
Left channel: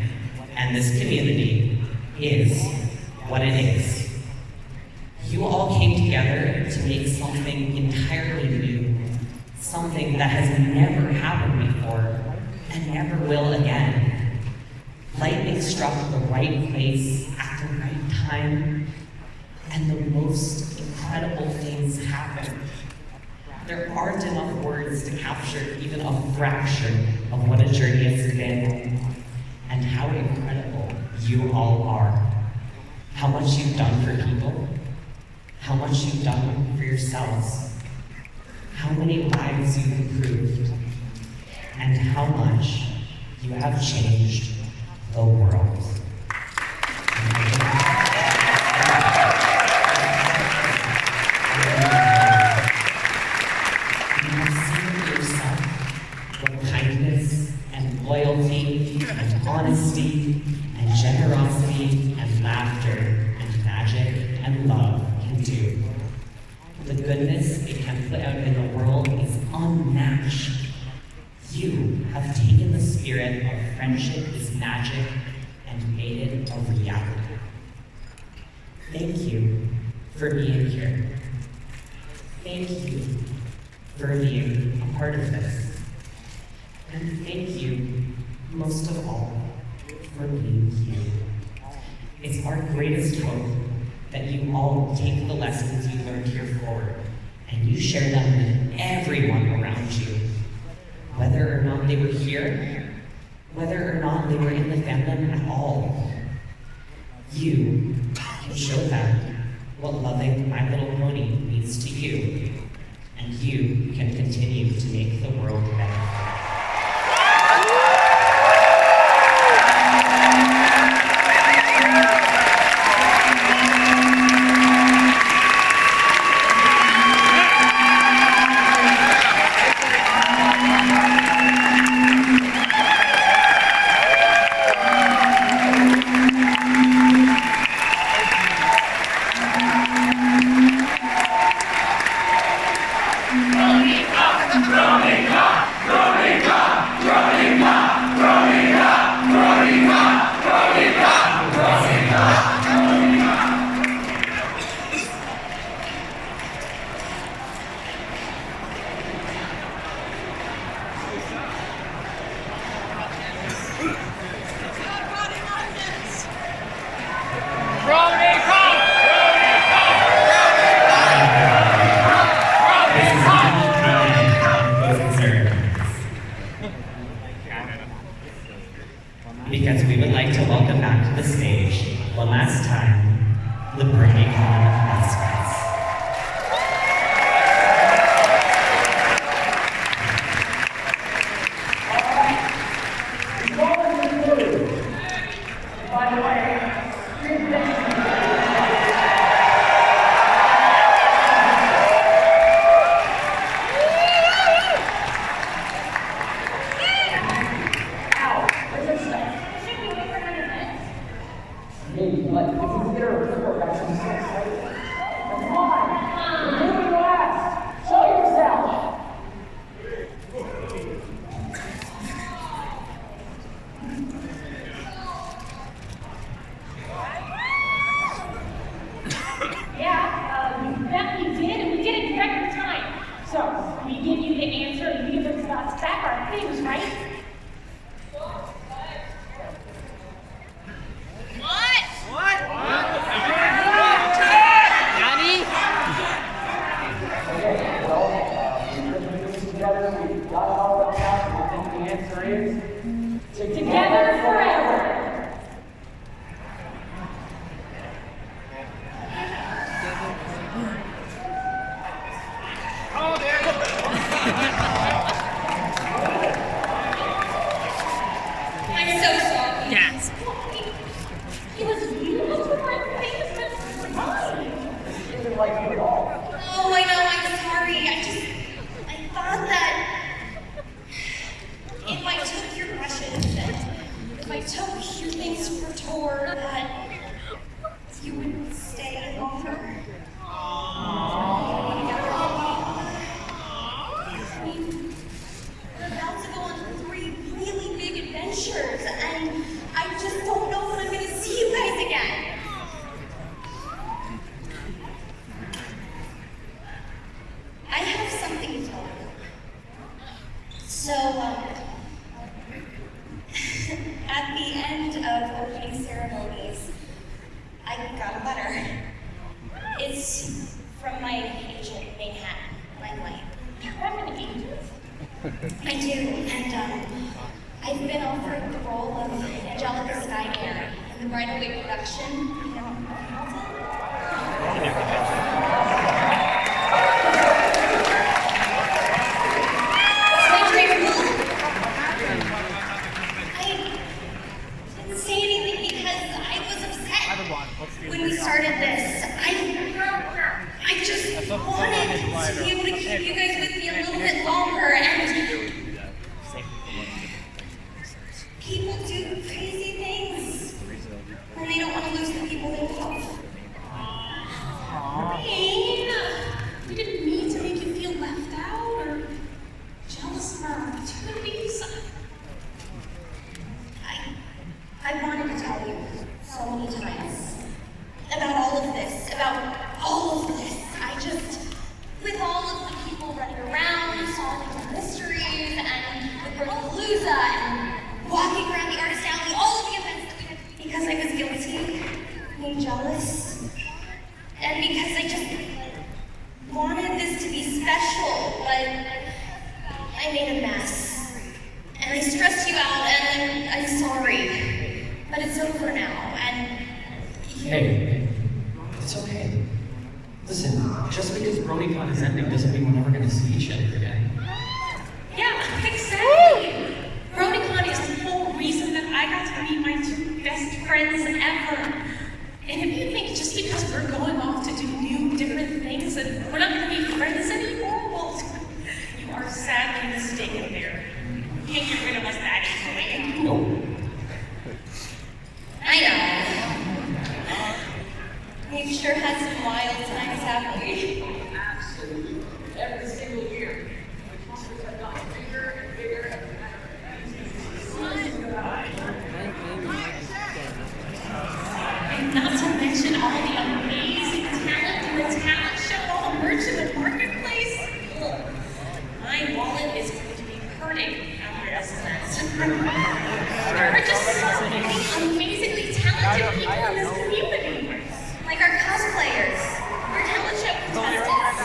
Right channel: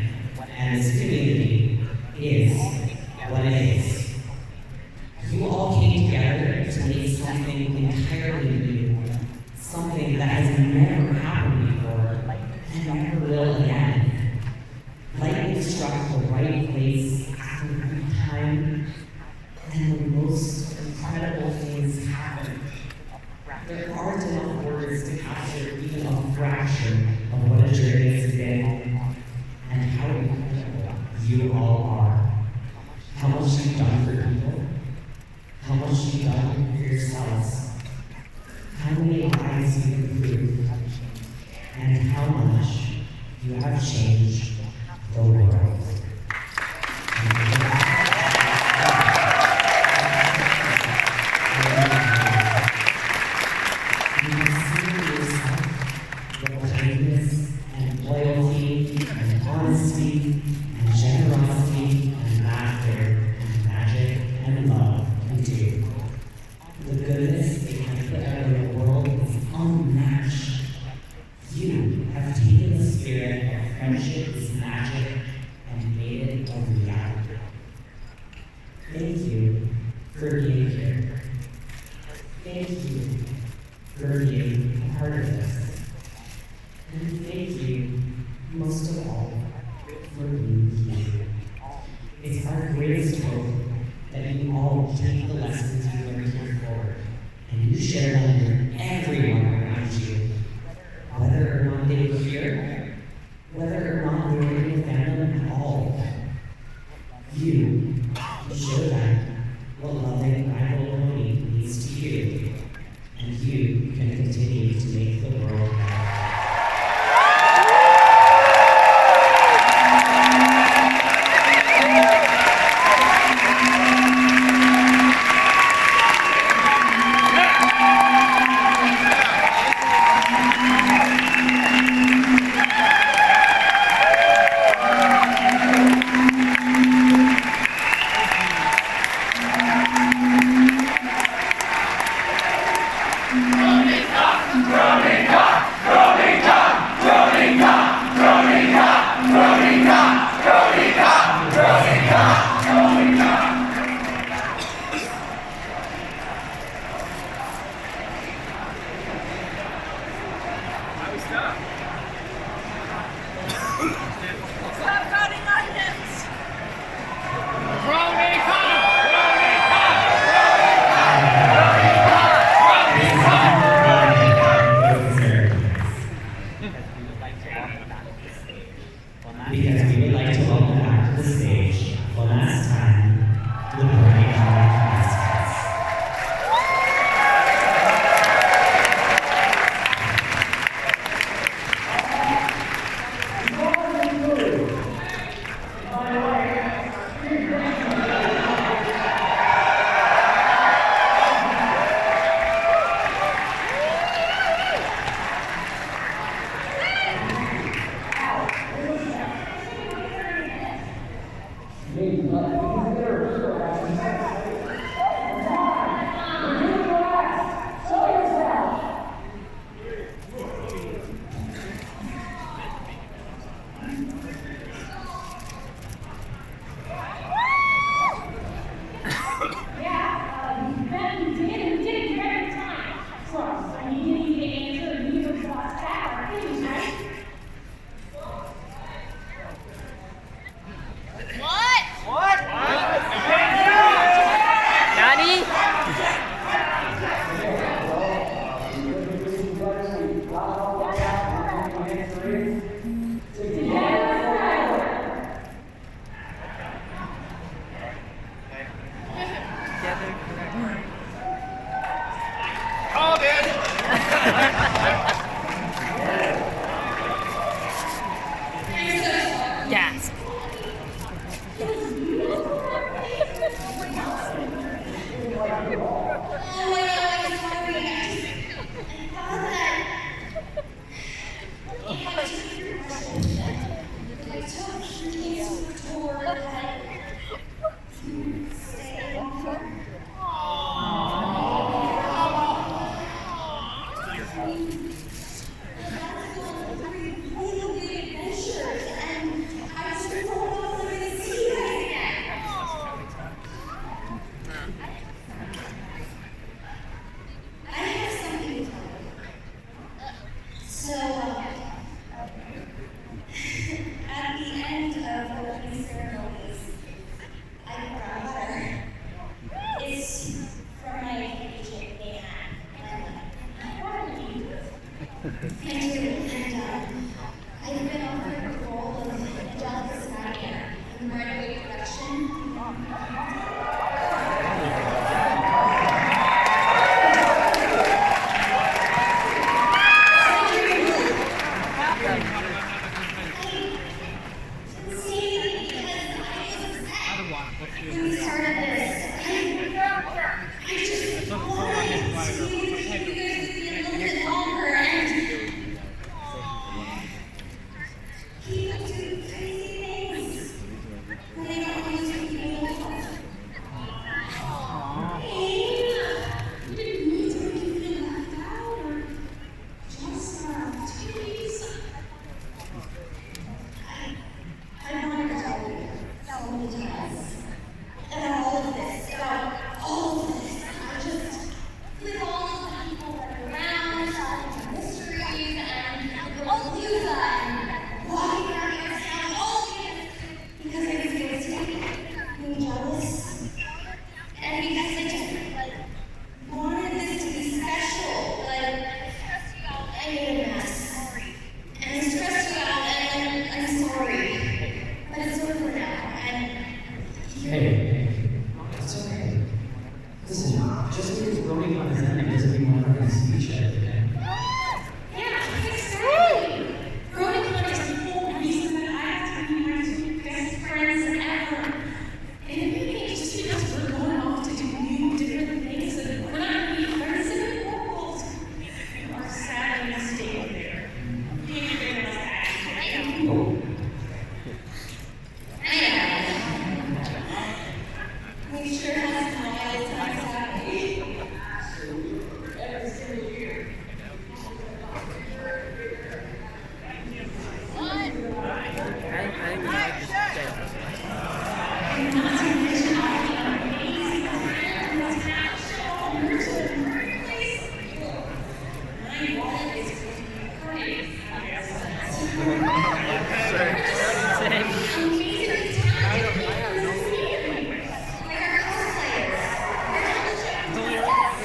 and this community is what it is. You all came together to make something entirely new, something that has never happened before and never will again. Lightning struck the right place at the right time, and the most incredible things happened. There aren't enough words to capture even a fraction of what a journey has been, and how incredible you all are. How much you've done for people, how much you've done for yourselves, how many lives you've improved, and how much you have changed the world. You can see for yourself what kindness and loyalty and honesty and generosity and laughter and magic and love can do. The goodness it can put out in the world is unmatched. You have taken the spirit of friendship is magic and made it a reality. Thank you for being here. Thank you for being a part of this. And thank you, most of all, for being you. It's our greatest hope that you all take the lessons you learned here forward, and you share them with everyone around you. Whether or not they were here, whether or not they were in the family at all, you can show them what loving My Little Pony means to you, and you can continue to make the world better. Because we would like to welcome back to the stage, one last time, the Bronycon mascots. If I took your question because Bronycon is ending doesn't mean we're never going to see each other again. Yeah, exactly. Bronycon is the whole reason that I got to meet my two best friends ever. And if you think just because we're going off to do new, different things that we're not going to be friends anymore, well, you are sadly mistaken there. You can't get rid of us that easily. I know. We've sure had some wild times, haven't we? Every single year. Not to mention all the amazing talent in the talent show, merch in the marketplace. My wallet is going to be hurting after this. We're just amazingly talented people in this community. Like our cosplayers, our talent show contestants,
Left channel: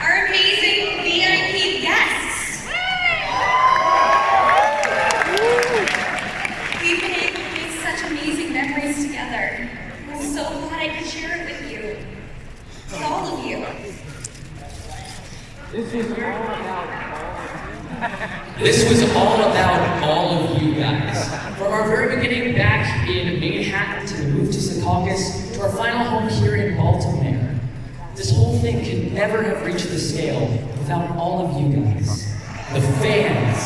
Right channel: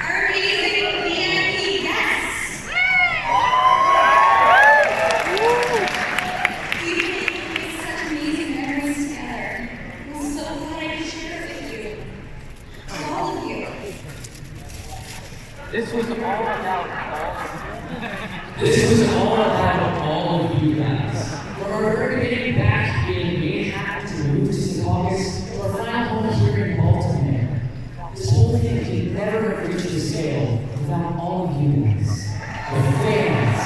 our amazing VIP guests. We've made such amazing memories together. I'm so glad I could share it with you. All of you. This was all about all of you guys. From our very beginning back in Manhattan to the move to Secaucus to our final home here in Baltimore. This whole thing could never have reached the scale without all of you guys. The fans.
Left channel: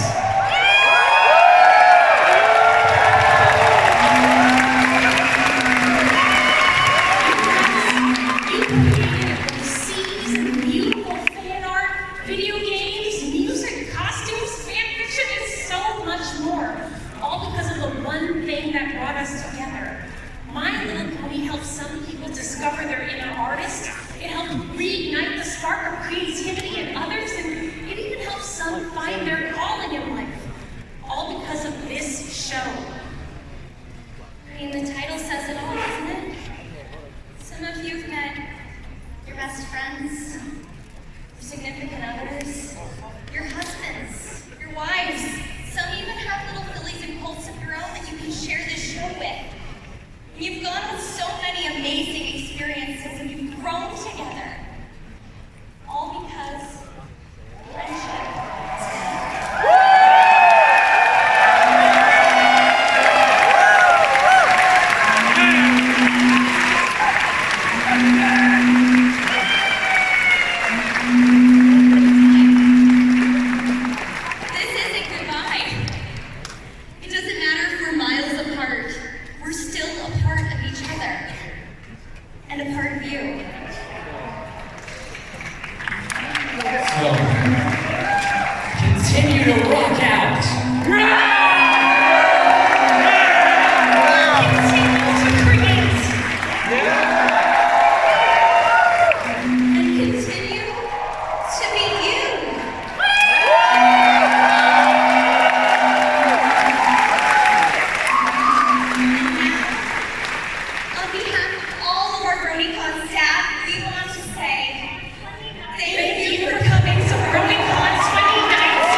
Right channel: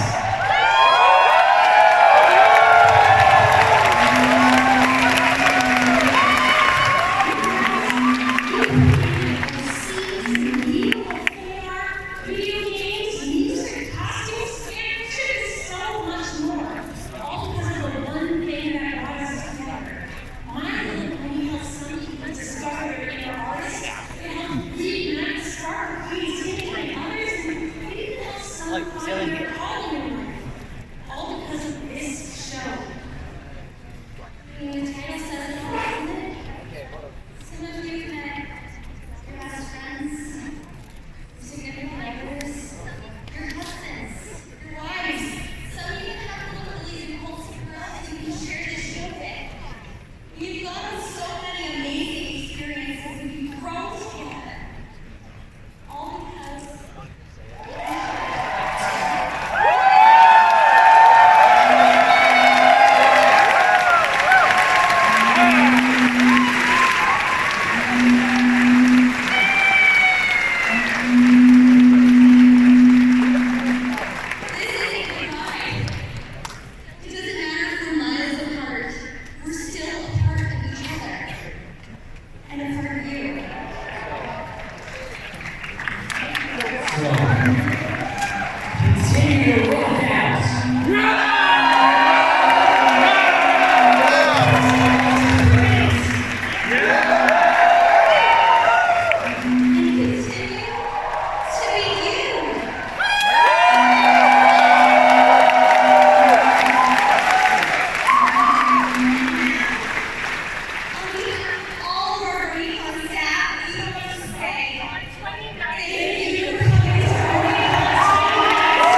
Beautiful fan art, video games, music, costumes, fan fiction, and so much more. All because of the one thing that brought us together. My Little Pony helped some people discover their inner artist. It helped reignite the spark of creativity in others, and it even helped some find their calling in life. All because of this show. I mean, the title says it all, doesn't it? Some of you've met your best friends, your significant others, your husbands, your wives. Some even have little lilies and colts of your own that you can share this show with. You've gone with so many amazing experiences and you've grown together. All because this isn't goodbye. It doesn't matter if we're miles apart. We're still a part of each other. And a part of you. So, continue to rock out. And continue to be you. On behalf of all of our Bronycon staff, we want to say thank you for coming to Bronycon 2019.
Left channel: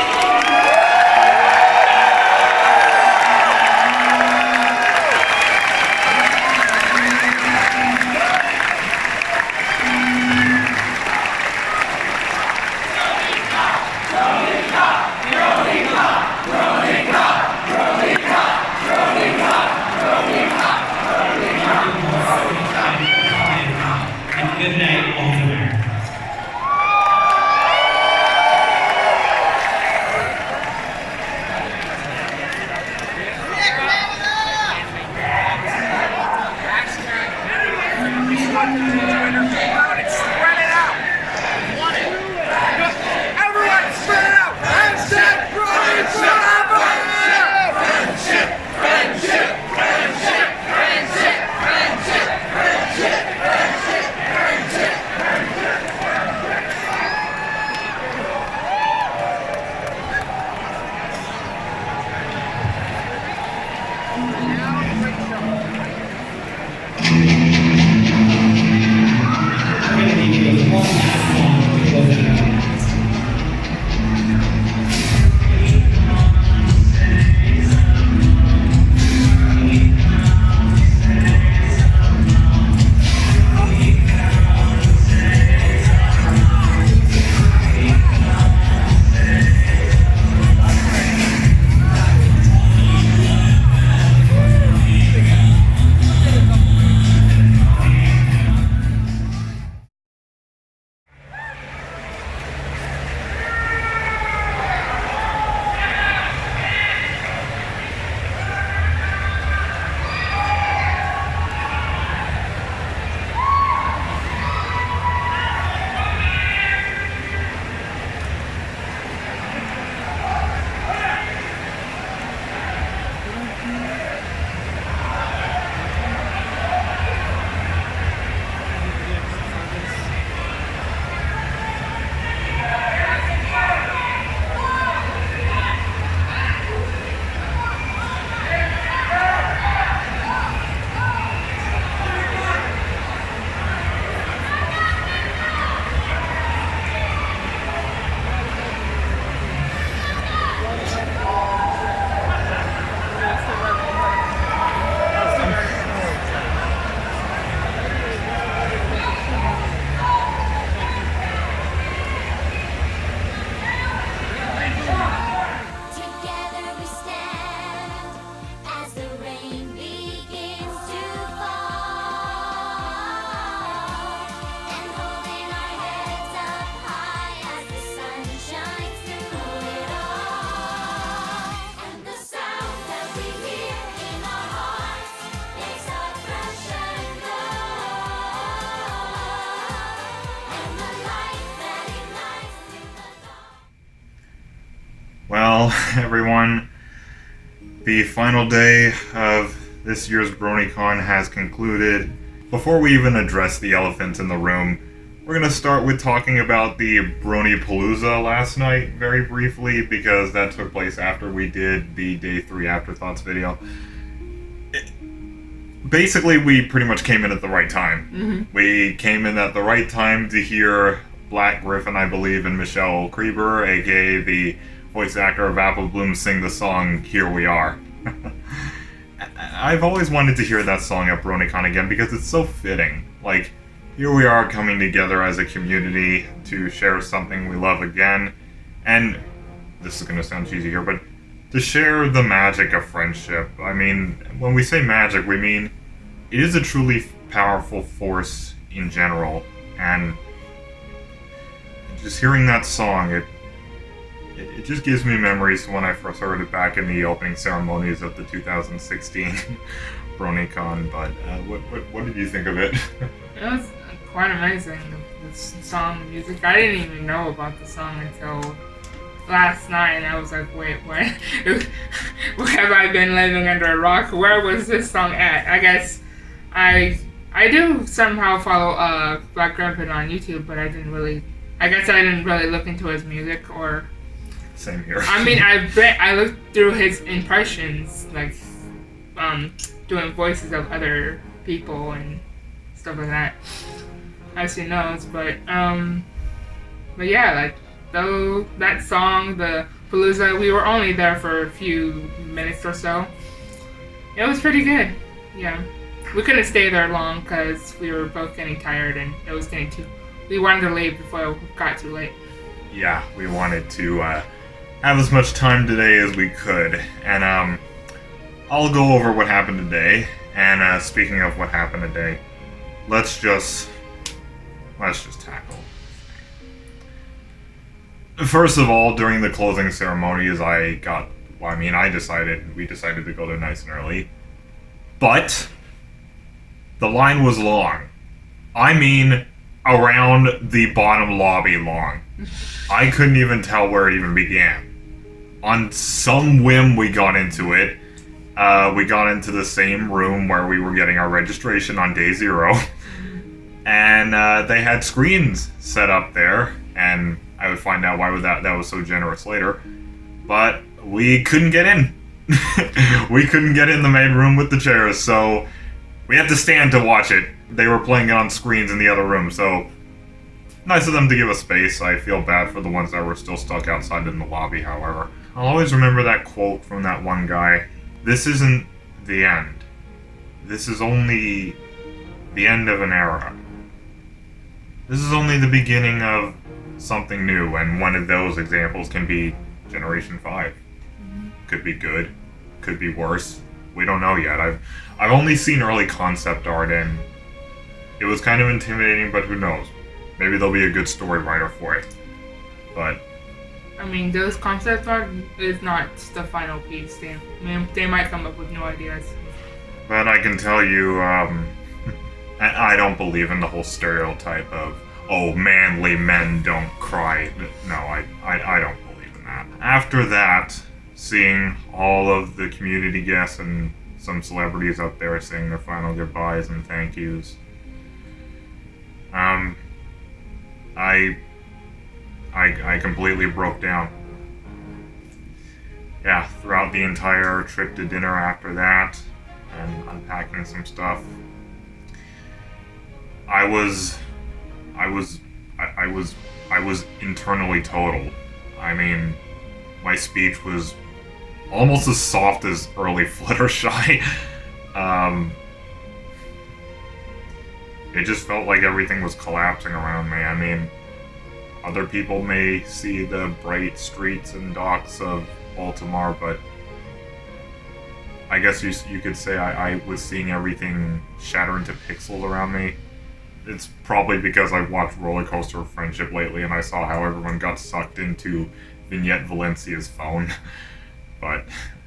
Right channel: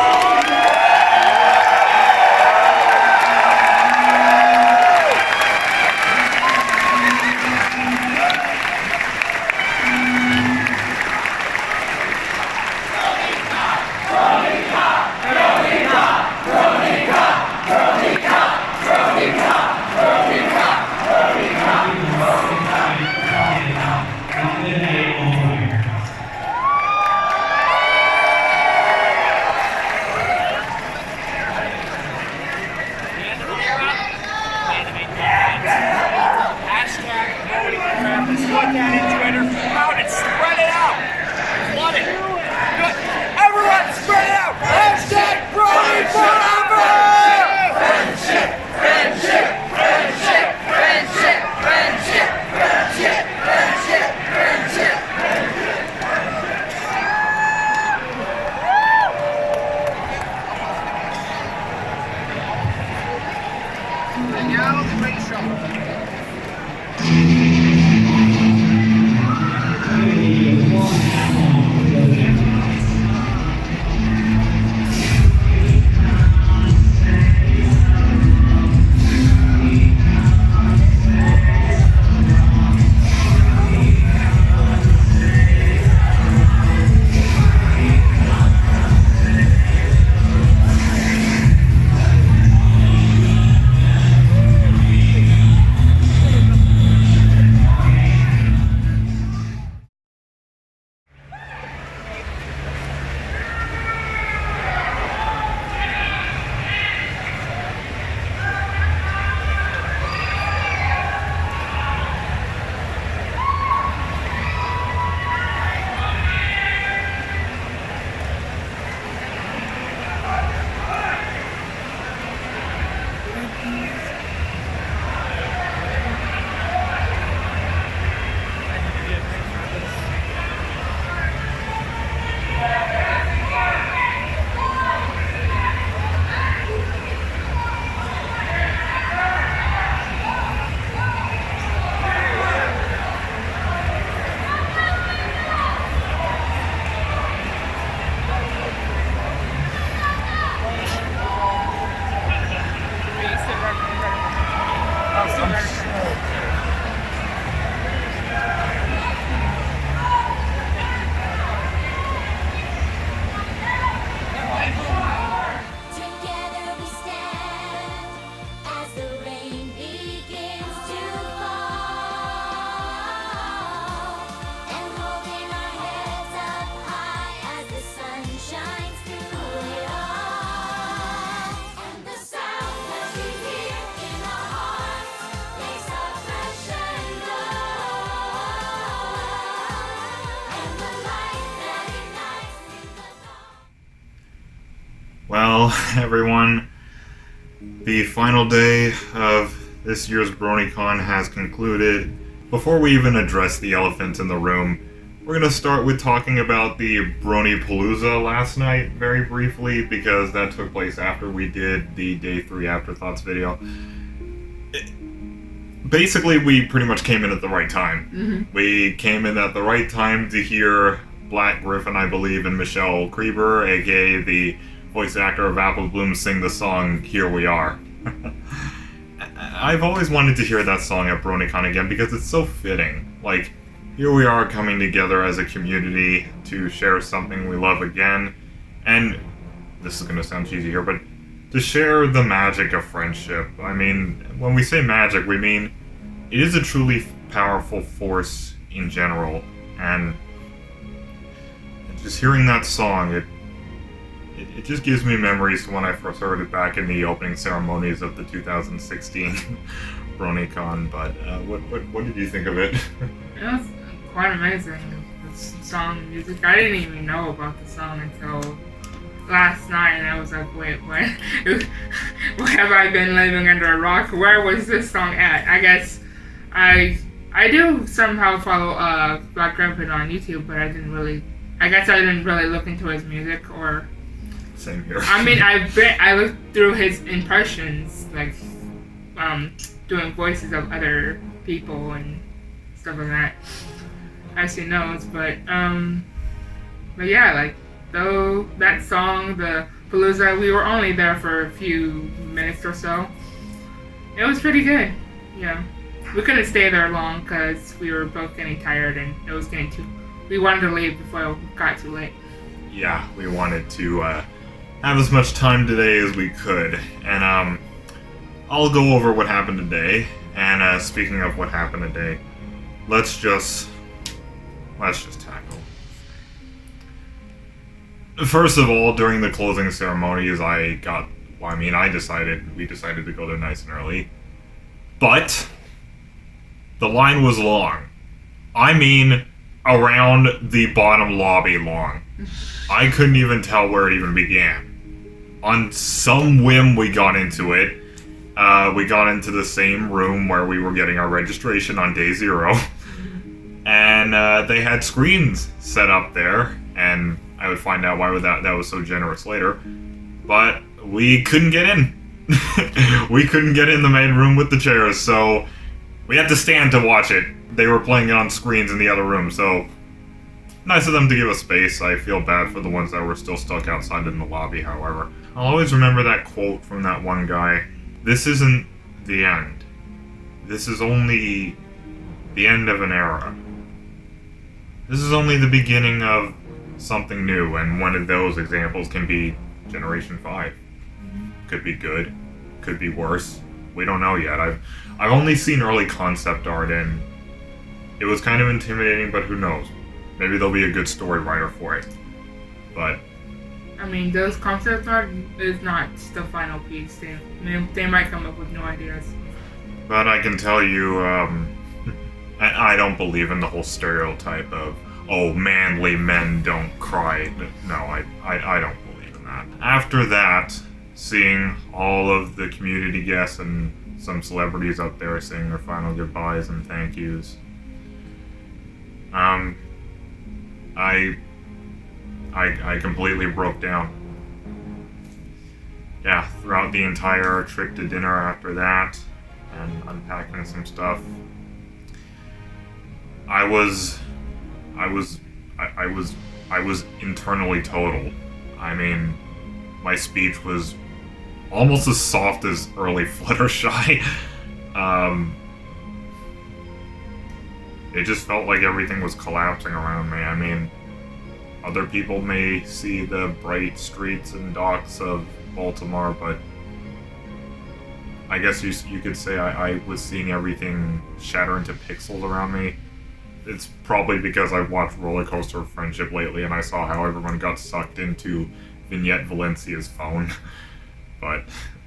And good night, Omar. Put that in Twitter. Come out and spread it out. Love it. Good. Everyone, spread it out. Hashtag Brony forever. Friendship, friendship, friendship, friendship, friendship, friendship, friendship, friendship, friendship. I'm gonna need you everyone. The final day of this year's Bronycon has concluded. Before we even address the elephant in the room, we're going to start with talking about the Bronypalooza last night, very briefly, because that took place after we did the Day 3 Afterthoughts video. Basically, we pretty much came in at the right time. Mm-hmm. We came in at the right time to hear Black Griffin, I believe, and Michelle Krieber, aka the voice actor of Apple Bloom, sing the song Here We Are. I've always wanted to hear that song at Bronycon again because it's so fitting. Like, here we are coming together as a community to share something we love again, and this is going to sound cheesy here, but to share the magic of friendship. I mean, when we say magic, we mean it is a truly powerful force in general, and just hearing that song, it just gives me memories to when I first heard it back in the opening ceremonies of the 2016 Bronycon. But what did you think of it? It was quite amazing, this song music. I didn't even know about the song until last night, and I was like, wait, what? Where have I been living under a rock? Where was this song at? I guess I do somehow follow Black Griffin on YouTube, but I didn't really look into his music. Or same here. I mean, I looked through his impressions, like doing voices of other people and stuff like that, as he knows. But yeah, like though that song, the Palooza, we were only there for a few minutes or so. It was pretty good. Yeah, we couldn't stay there long because we were both getting tired and it was getting too. We wanted to leave before it got too late. Yeah, we wanted to have as much time today as we could, and I'll go over what happened today. And speaking of what happened today, let's just tackle. First of all, during the closing ceremonies, we decided to go there nice and early, but the line was long. I mean, around the bottom lobby long. I couldn't even tell where it even began. On some whim, we got into it. We got into the same room where we were getting our registration on day 0. And they had screens set up there, and I would find out why that was so generous later. But we couldn't get in. We couldn't get in the main room with the chairs, so we had to stand to watch it. They were playing it on screens in the other room, so nice of them to give us space. I feel bad for the ones that were still stuck outside in the lobby, however. I'll always remember that quote from that one guy. This isn't the end. This is only the end of an era. This is only the beginning of something new, and one of those examples can be Generation 5. Could be good, could be worse. We don't know yet. I've only seen early concept art, and it was kind of intimidating, but who knows? Maybe there'll be a good story writer for it. But I mean, those concept art is not the final piece. They might come up with new ideas. But I can tell you, I don't believe in the whole stereotype of, oh, manly men don't cry. No, I don't believe in that. After that, seeing all of the community guests and some celebrities up there saying their final goodbyes and thank yous, I completely broke down. Yeah, throughout the entire trip to dinner after that, and unpacking some stuff, I was internally totaled. I mean, my speech was almost as soft as early Fluttershy. It just felt like everything was collapsing around me. I mean, other people may see the bright streets and docks of Baltimore, but I guess you could say I was seeing everything shatter into pixels around me. It's probably because I've watched Roller Coaster of Friendship lately, and I saw how everyone got sucked into Vignette Valencia's phone.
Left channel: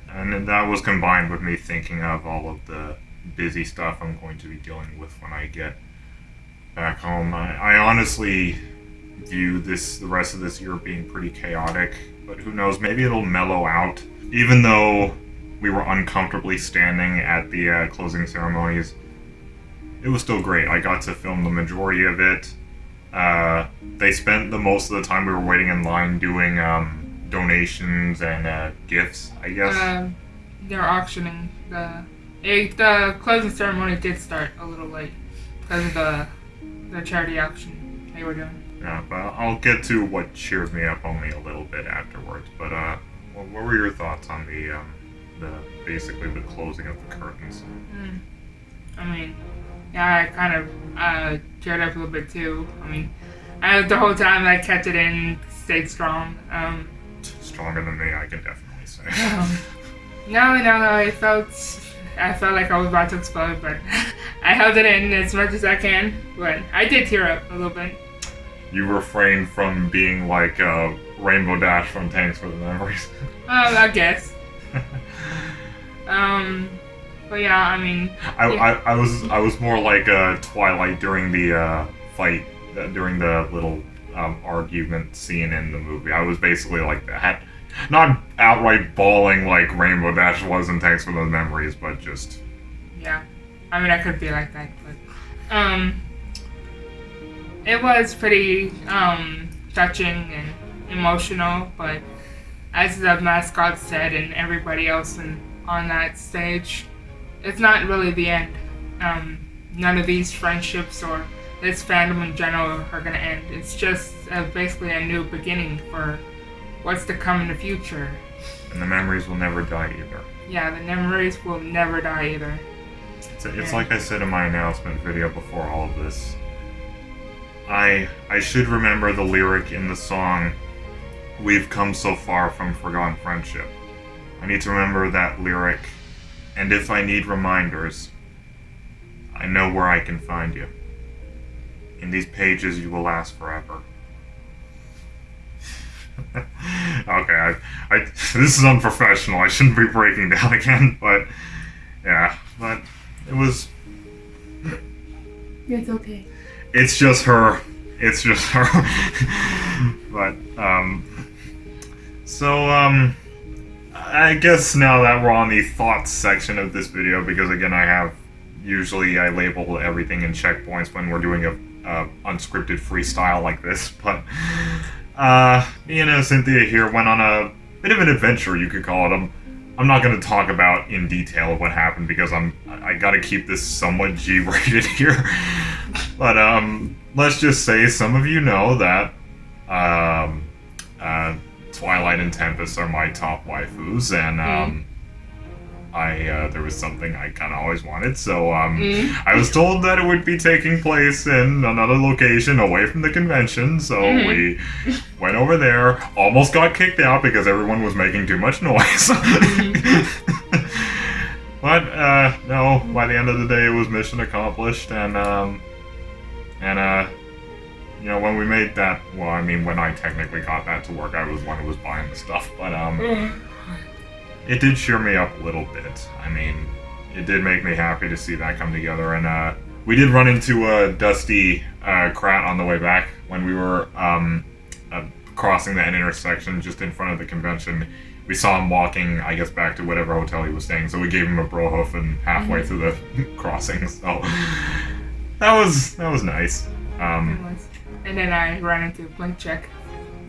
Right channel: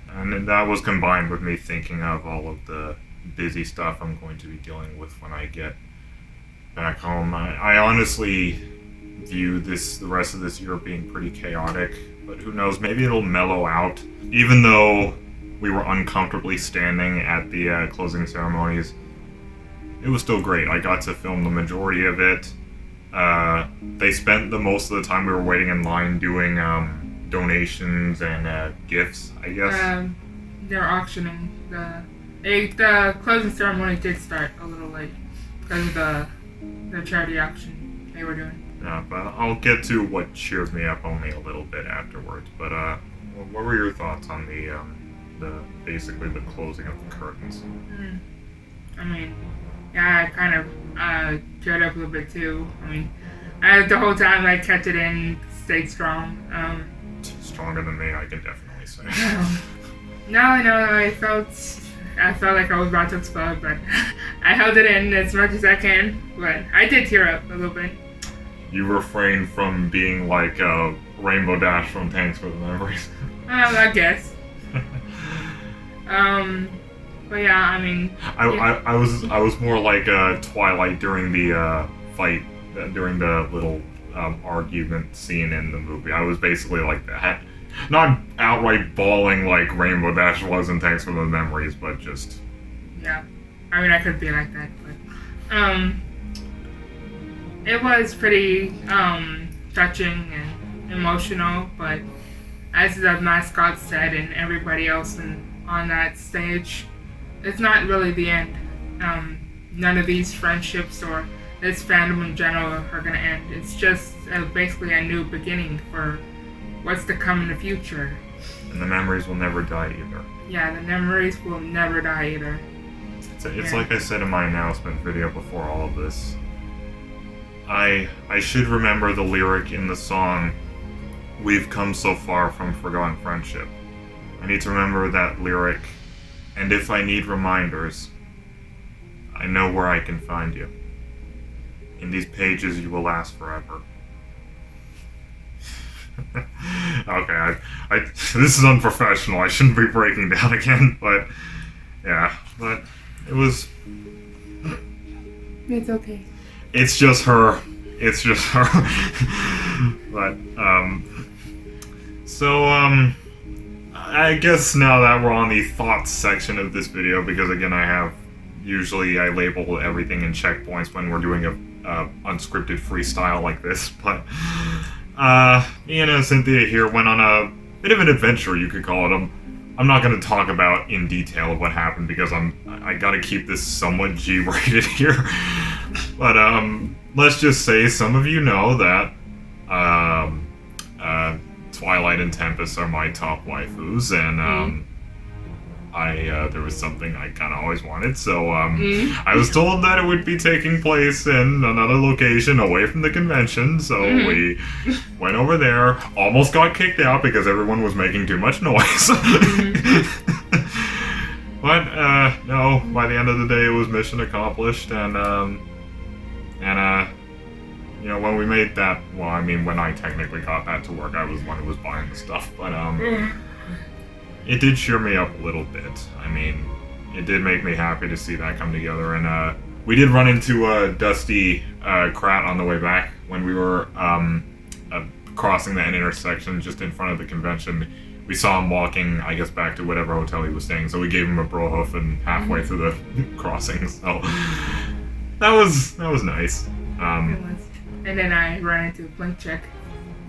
And that was combined with me thinking of all of the busy stuff I'm going to be dealing with when I get back home. I honestly view the rest of this year being pretty chaotic, but who knows, maybe it'll mellow out. Even though we were uncomfortably standing at the closing ceremonies, it was still great. I got to film the majority of it. They spent the most of the time we were waiting in line doing donations and gifts, I guess. They're auctioning. The closing ceremony did start a little late because of the charity auction they were doing. Yeah, but I'll get to what cheered me up only a little bit afterwards. But what were your thoughts on the basically the closing of the curtains? I mean, yeah, I kind of teared up a little bit too. I mean, the whole time I kept it in, stayed strong. Stronger than me, I can definitely say. No, I felt like I was about to explode, but I held it in as much as I can. But I did tear up a little bit. You refrained from being like Rainbow Dash from Thanks for the Memories. I guess. But yeah, I mean. I was more like Twilight during the fight, during the little argument scene in the movie. I was basically like that. Not outright bawling like Rainbow Dash was in Thanks for the Memories, but just... Yeah. I mean, I could be like that, but... It was pretty, touching and emotional, but as the mascot said and everybody else on that stage, it's not really the end. None of these friendships or this fandom in general are gonna end. It's just basically a new beginning for what's to come in the future. And the memories will never die either. Yeah, the memories will never die either. It's like I said in my announcement video before all of this. I should remember the lyric in the song, "We've come so far from forgotten friendship." I need to remember that lyric, and if I need reminders, I know where I can find you. In these pages you will last forever. Okay, this is unprofessional. I shouldn't be breaking down again, but yeah, but it was... It's okay. It's just her. But, so, I guess now that we're on the thoughts section of this video, because again, usually I label everything in checkpoints when we're doing a unscripted freestyle like this, but, me and Cynthia here went on a bit of an adventure, you could call it. I'm not going to talk about in detail what happened because I got to keep this somewhat G-rated here. But let's just say some of you know that Twilight and Tempest are my top waifus, and there was something I kind of always wanted, so I was told that it would be taking place in another location away from the convention, so we went over there, almost got kicked out because everyone was making too much noise. But no, by the end of the day it was mission accomplished, and you know, when we made that, well, I mean, when I technically got that to work, I was the one who was buying the stuff, but it did cheer me up a little bit. I mean, it did make me happy to see that come together, and we did run into Dusty Krat on the way back when we were crossing that intersection just in front of the convention. We saw him walking, I guess, back to whatever hotel he was staying, so we gave him a bro hoof and halfway through the crossing, so that was nice. And then I ran into Blink Check.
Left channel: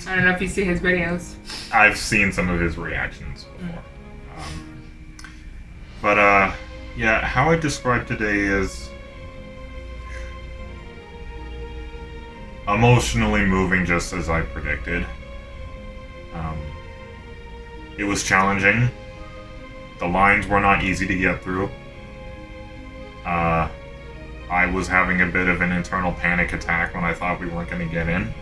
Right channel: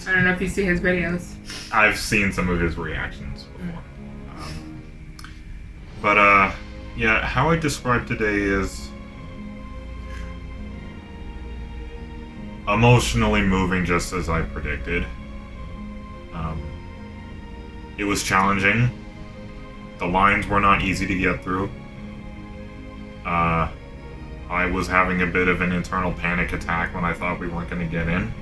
I don't know if you see his videos. I've seen some of his reactions before. But yeah, how I describe today is emotionally moving, just as I predicted. It was challenging. The lines were not easy to get through. I was having a bit of an internal panic attack when I thought we weren't going to get in.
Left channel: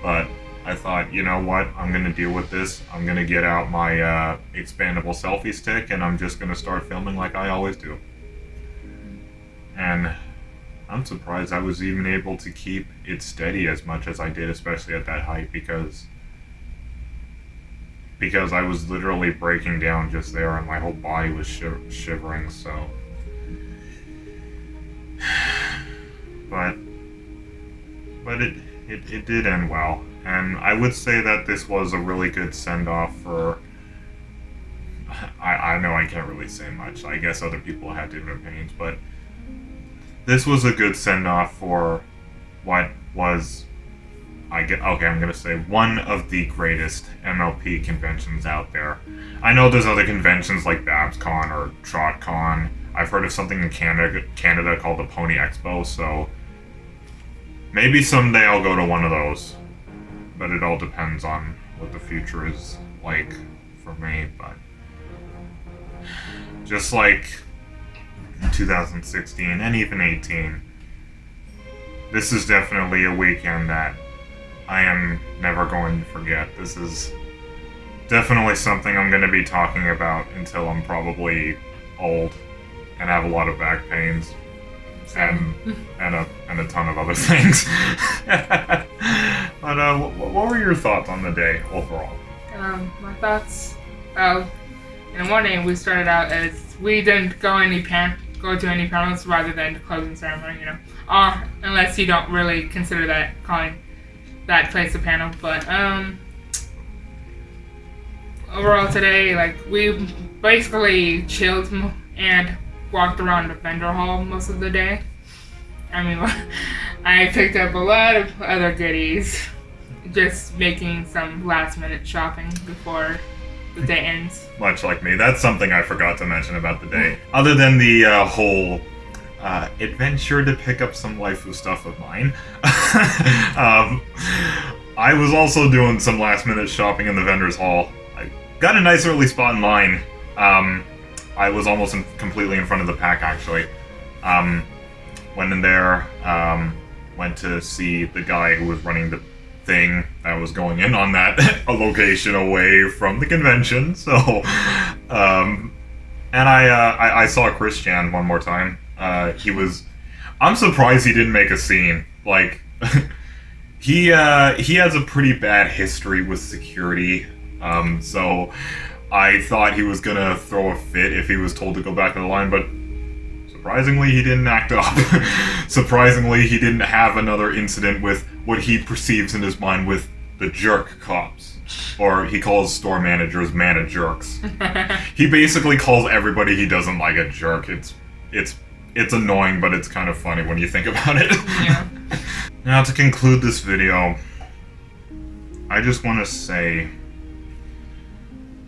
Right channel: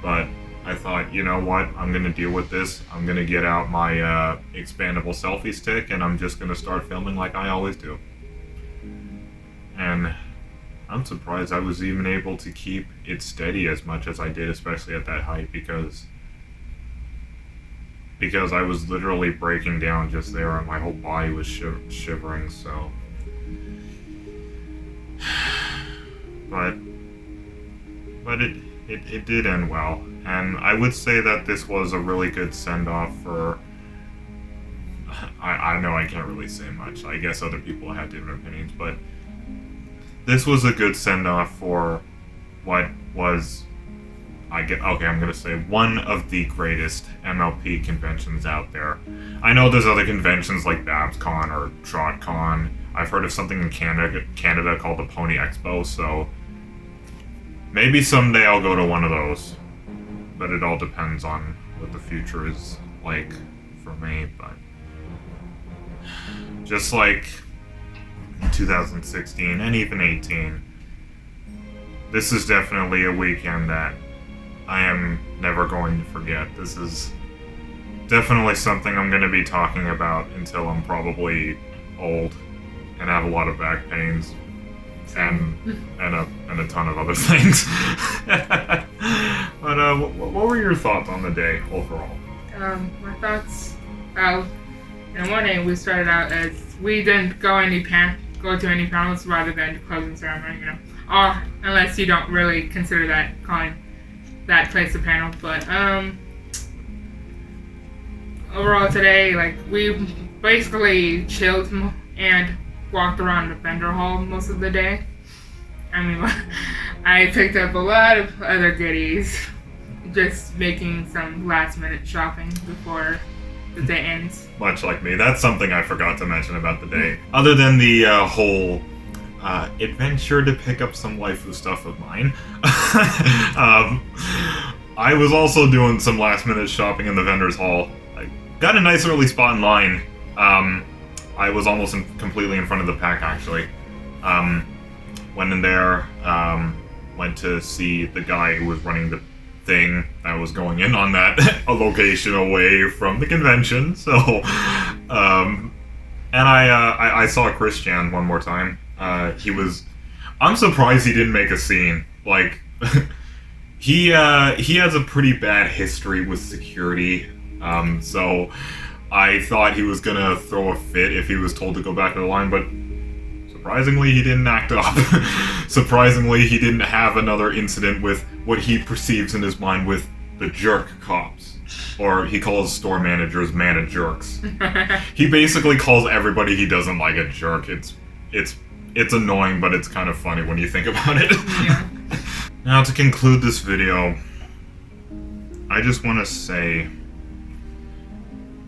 But I thought, you know what, I'm going to deal with this. I'm going to get out my expandable selfie stick, and I'm just going to start filming like I always do. And I'm surprised I was even able to keep it steady as much as I did, especially at that height, because I was literally breaking down just there, and my whole body was shivering, so... But it did end well, And I would say that this was a really good send-off for... I know I can't really say much. I guess other people had different opinions, but this was a good send-off for what was... I'm gonna say one of the greatest MLP conventions out there. I know there's other conventions like BabsCon or TrotCon. I've heard of something in Canada called the Pony Expo, so maybe someday I'll go to one of those. But it all depends on what the future is like for me. But just like 2016 and even 18, this is definitely a weekend that I am never going to forget. This is definitely something I'm going to be talking about until I'm probably old and have a lot of back pains and a ton of other things. But what were your thoughts on the day overall? My thoughts. In the morning, we started out as we didn't go to any panels rather than the closing ceremony. Unless you don't really consider calling that place a panel. But overall today, like, we basically chilled and walked around the vendor hall most of the day. I mean, I picked up a lot of other goodies, just making some last-minute shopping before the day ends. Much like me. That's something I forgot to mention about the day. Other than the whole adventure to pick up some waifu stuff of mine, I was also doing some last-minute shopping in the vendor's hall. I got a nice early spot in line. I was almost completely in front of the pack, actually. Went in there, went to see the guy who was running the thing that was going in on that a location away from the convention. So, and I saw Christian one more time. I'm surprised he didn't make a scene. Like, he has a pretty bad history with security. So I thought he was gonna throw a fit if he was told to go back to the line, but surprisingly he didn't act up. Surprisingly he didn't have another incident with what he perceives in his mind with the jerk cops. Or he calls store managers jerks. He basically calls everybody he doesn't like a jerk. It's annoying, but it's kind of funny when you think about it. Yeah. Now, to conclude this video, I just want to say,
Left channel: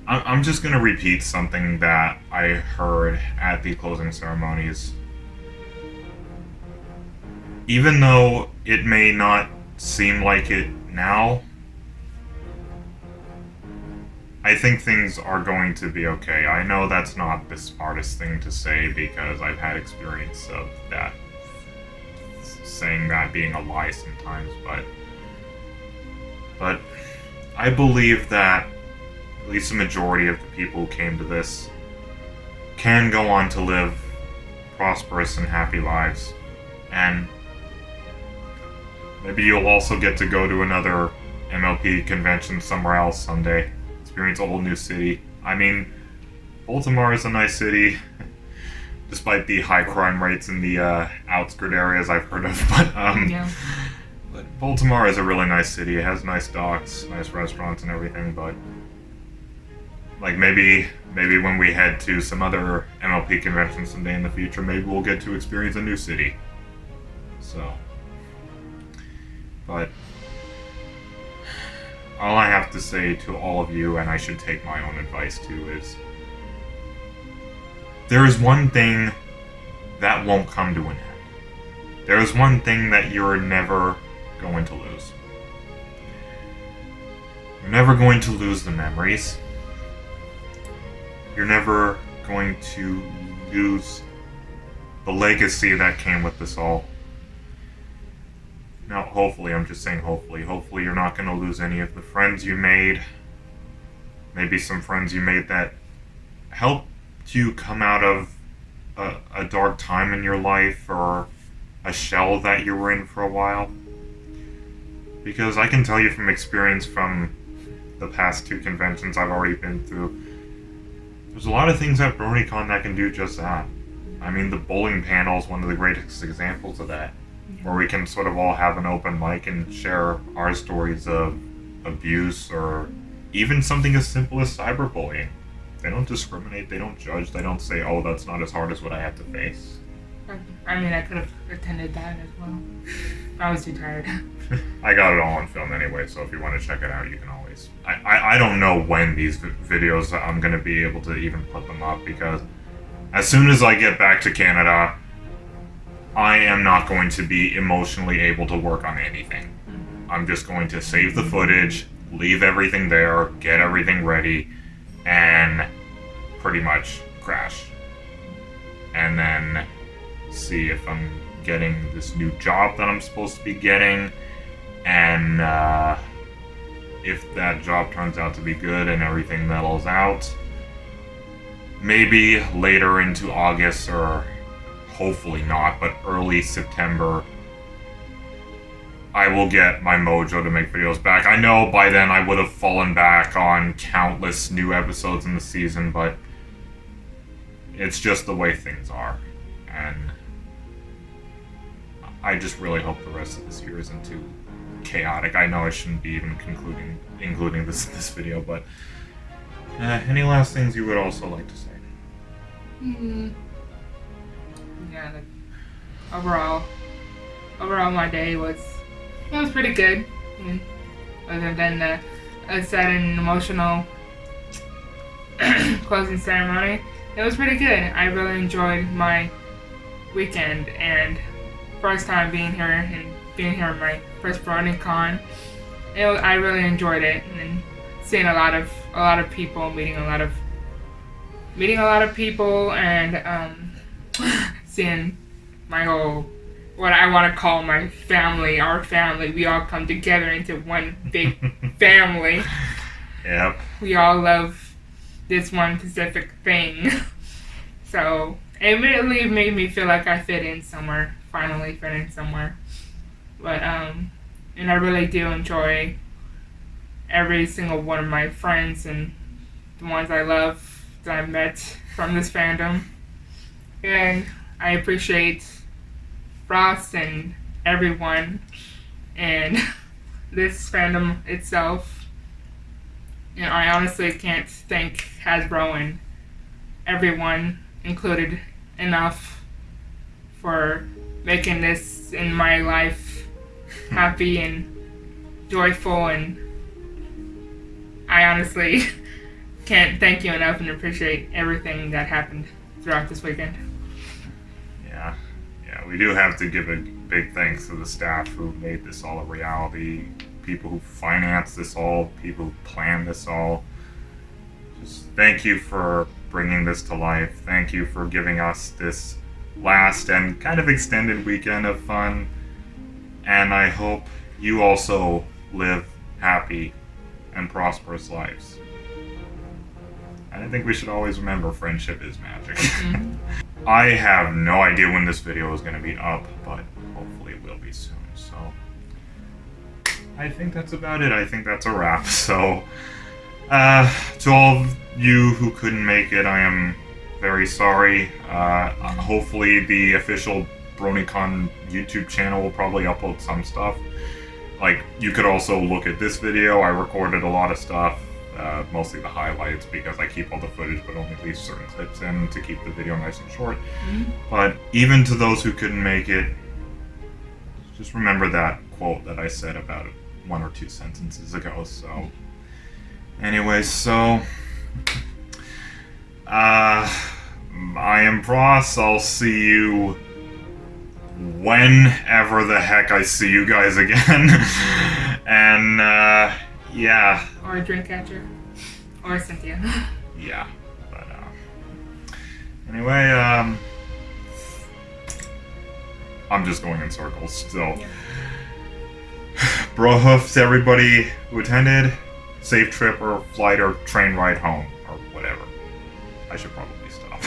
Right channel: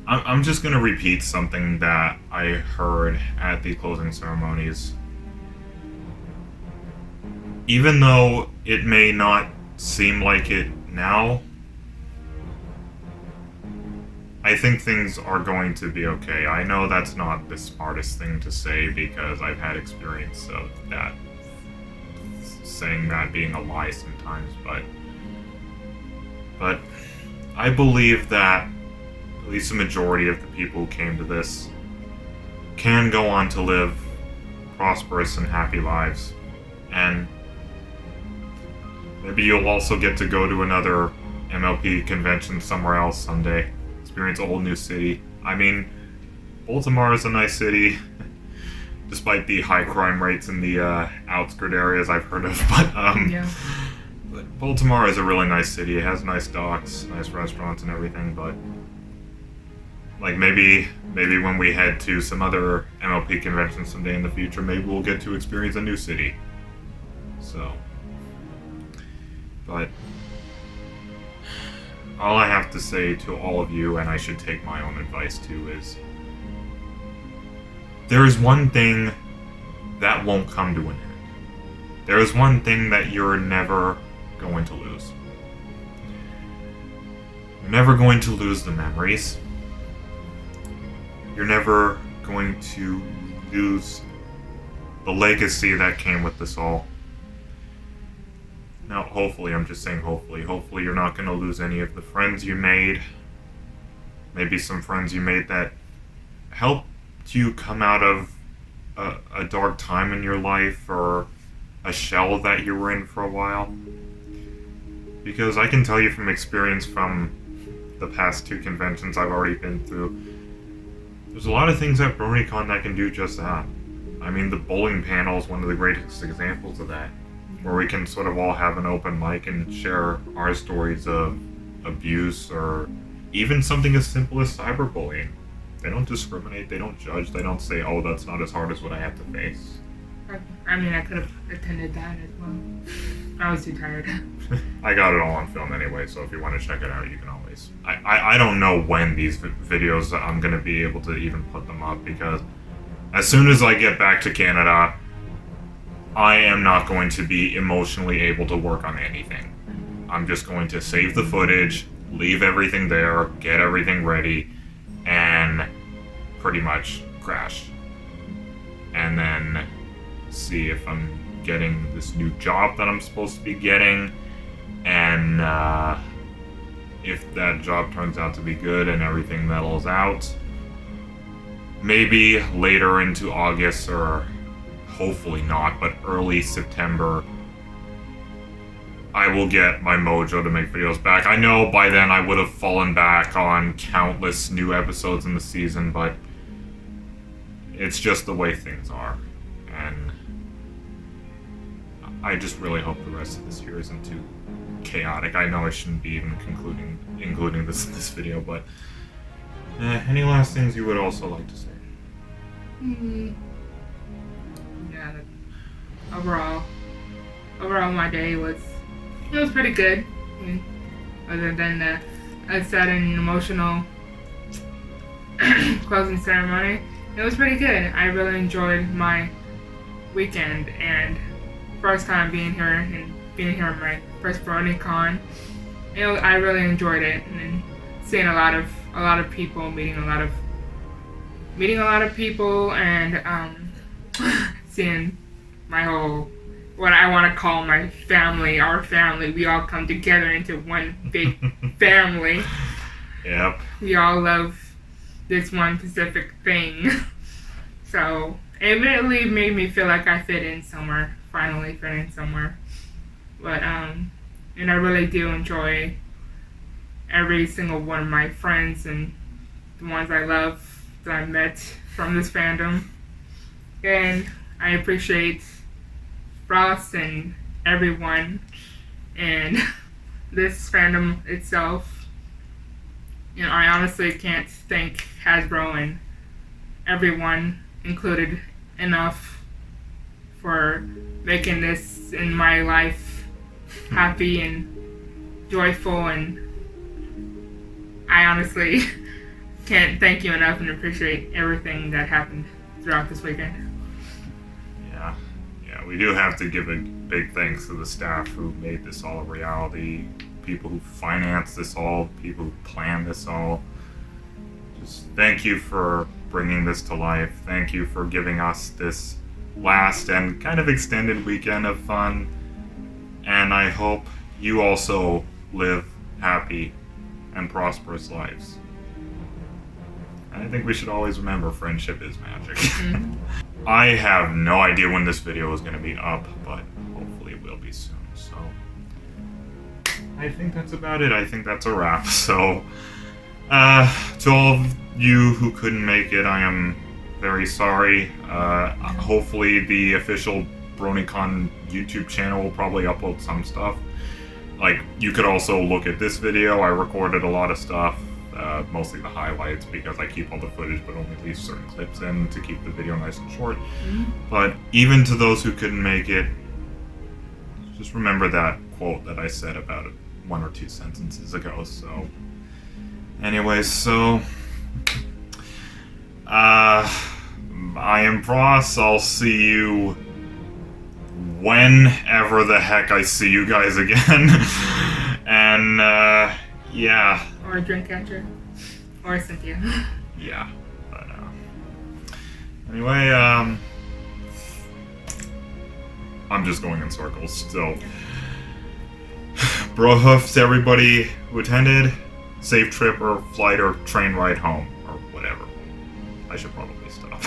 I'm just going to repeat something that I heard at the closing ceremonies. Even though it may not seem like it now, I think things are going to be okay. I know that's not the smartest thing to say because I've had experience of that, saying that being a lie sometimes, but I believe that at least the majority of the people who came to this can go on to live prosperous and happy lives. And maybe you'll also get to go to another MLP convention somewhere else someday. Experience a whole new city. I mean, Baltimore is a nice city, despite the high crime rates in the outskirt areas I've heard of. But Baltimore is a really nice city. It has nice docks, nice restaurants and everything, but like maybe when we head to some other MLP convention someday in the future, maybe we'll get to experience a new city. So, but all I have to say to all of you, and I should take my own advice too, is there is one thing that won't come to an end. There is one thing that you're never going to lose. You're never going to lose the memories. You're never going to lose the legacy that came with this all. Now, hopefully, I'm just saying hopefully you're not going to lose any of the friends you made. Maybe some friends you made that helped you come out of a dark time in your life or a shell that you were in for a while. Because I can tell you from experience from the past 2 conventions I've already been through, there's a lot of things at Bronycon that can do just that. I mean, the bowling panel is one of the greatest examples of that, where we can sort of all have an open mic and share our stories of abuse, or even something as simple as cyberbullying. They don't discriminate, they don't judge, they don't say, oh, that's not as hard as what I have to face. I mean, I could have attended that as well. I was too tired. I got it all on film anyway, so if you want to check it out, you can always. I don't know when these videos I'm going to be able to even put them up, because as soon as I get back to Canada, I am not going to be emotionally able to work on anything. I'm just going to save the footage, leave everything there, get everything ready, and pretty much crash. And then see if I'm getting this new job that I'm supposed to be getting, and if that job turns out to be good and everything mellows out, maybe later into August, or hopefully not, but early September, I will get my mojo to make videos back. I know by then I would have fallen back on countless new episodes in the season, but it's just the way things are. And I just really hope the rest of this year isn't too chaotic. I know I shouldn't be even including this in this video, but any last things you would also like to say? Yeah, overall my day was pretty good. Other than the sad and emotional closing ceremony, it was pretty good. I really enjoyed my weekend, and first time being here at my first Bronycon. I really enjoyed it, and seeing a lot of people, meeting a lot of people, and seeing my whole, what I want to call my family, our family. We all come together into one big family. Yep. We all love this one specific thing. So it really made me feel like I fit in somewhere. Finally fit in somewhere. But and I really do enjoy every single one of my friends and the ones I love that I've met from this fandom. And I appreciate Frost and everyone and this fandom itself. You know, I honestly can't thank Hasbro and everyone included enough for making this in my life happy and joyful, and I honestly can't thank you enough and appreciate everything that happened throughout this weekend. Yeah, we do have to give a big thanks to the staff who made this all a reality, people who financed this all, people who planned this all. Just thank you for bringing this to life. Thank you for giving us this last and kind of extended weekend of fun. And I hope you also live happy and prosperous lives. And I think we should always remember friendship is magic. Mm-hmm. I have no idea when this video is going to be up, but hopefully it will be soon. So I think that's about it. I think that's a wrap. So to all of you who couldn't make it, I am very sorry. Hopefully the official Bronycon YouTube channel will probably upload some stuff. Like, you could also look at this video. I recorded a lot of stuff, mostly the highlights, because I keep all the footage but only leave certain clips in to keep the video nice and short. Mm-hmm. But even to those who couldn't make it, just remember that quote that I said about 1 or 2 sentences ago. So anyways, so I am Pross. I'll see you whenever the heck I see you guys again. And yeah. Ori DreamCatcher. Or Cynthia. Yeah. But anyway, I'm just going in circles still. Bro hoofs to everybody who attended. Safe trip or flight or train ride home or whatever. I should probably stop.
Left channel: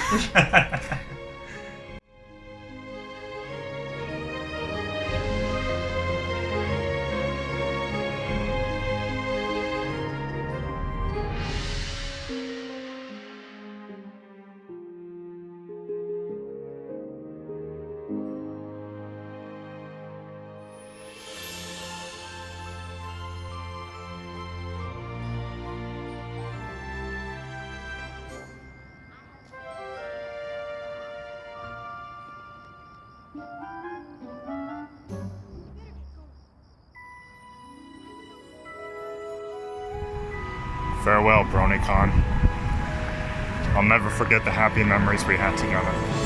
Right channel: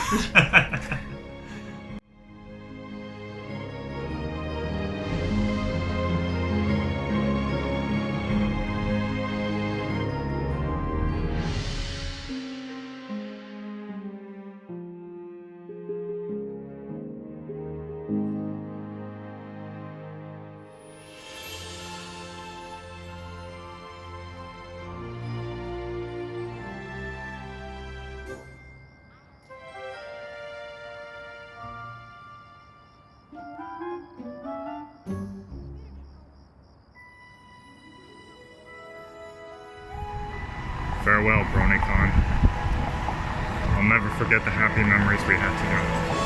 Farewell, Bronycon. I'll never forget the happy memories we had together.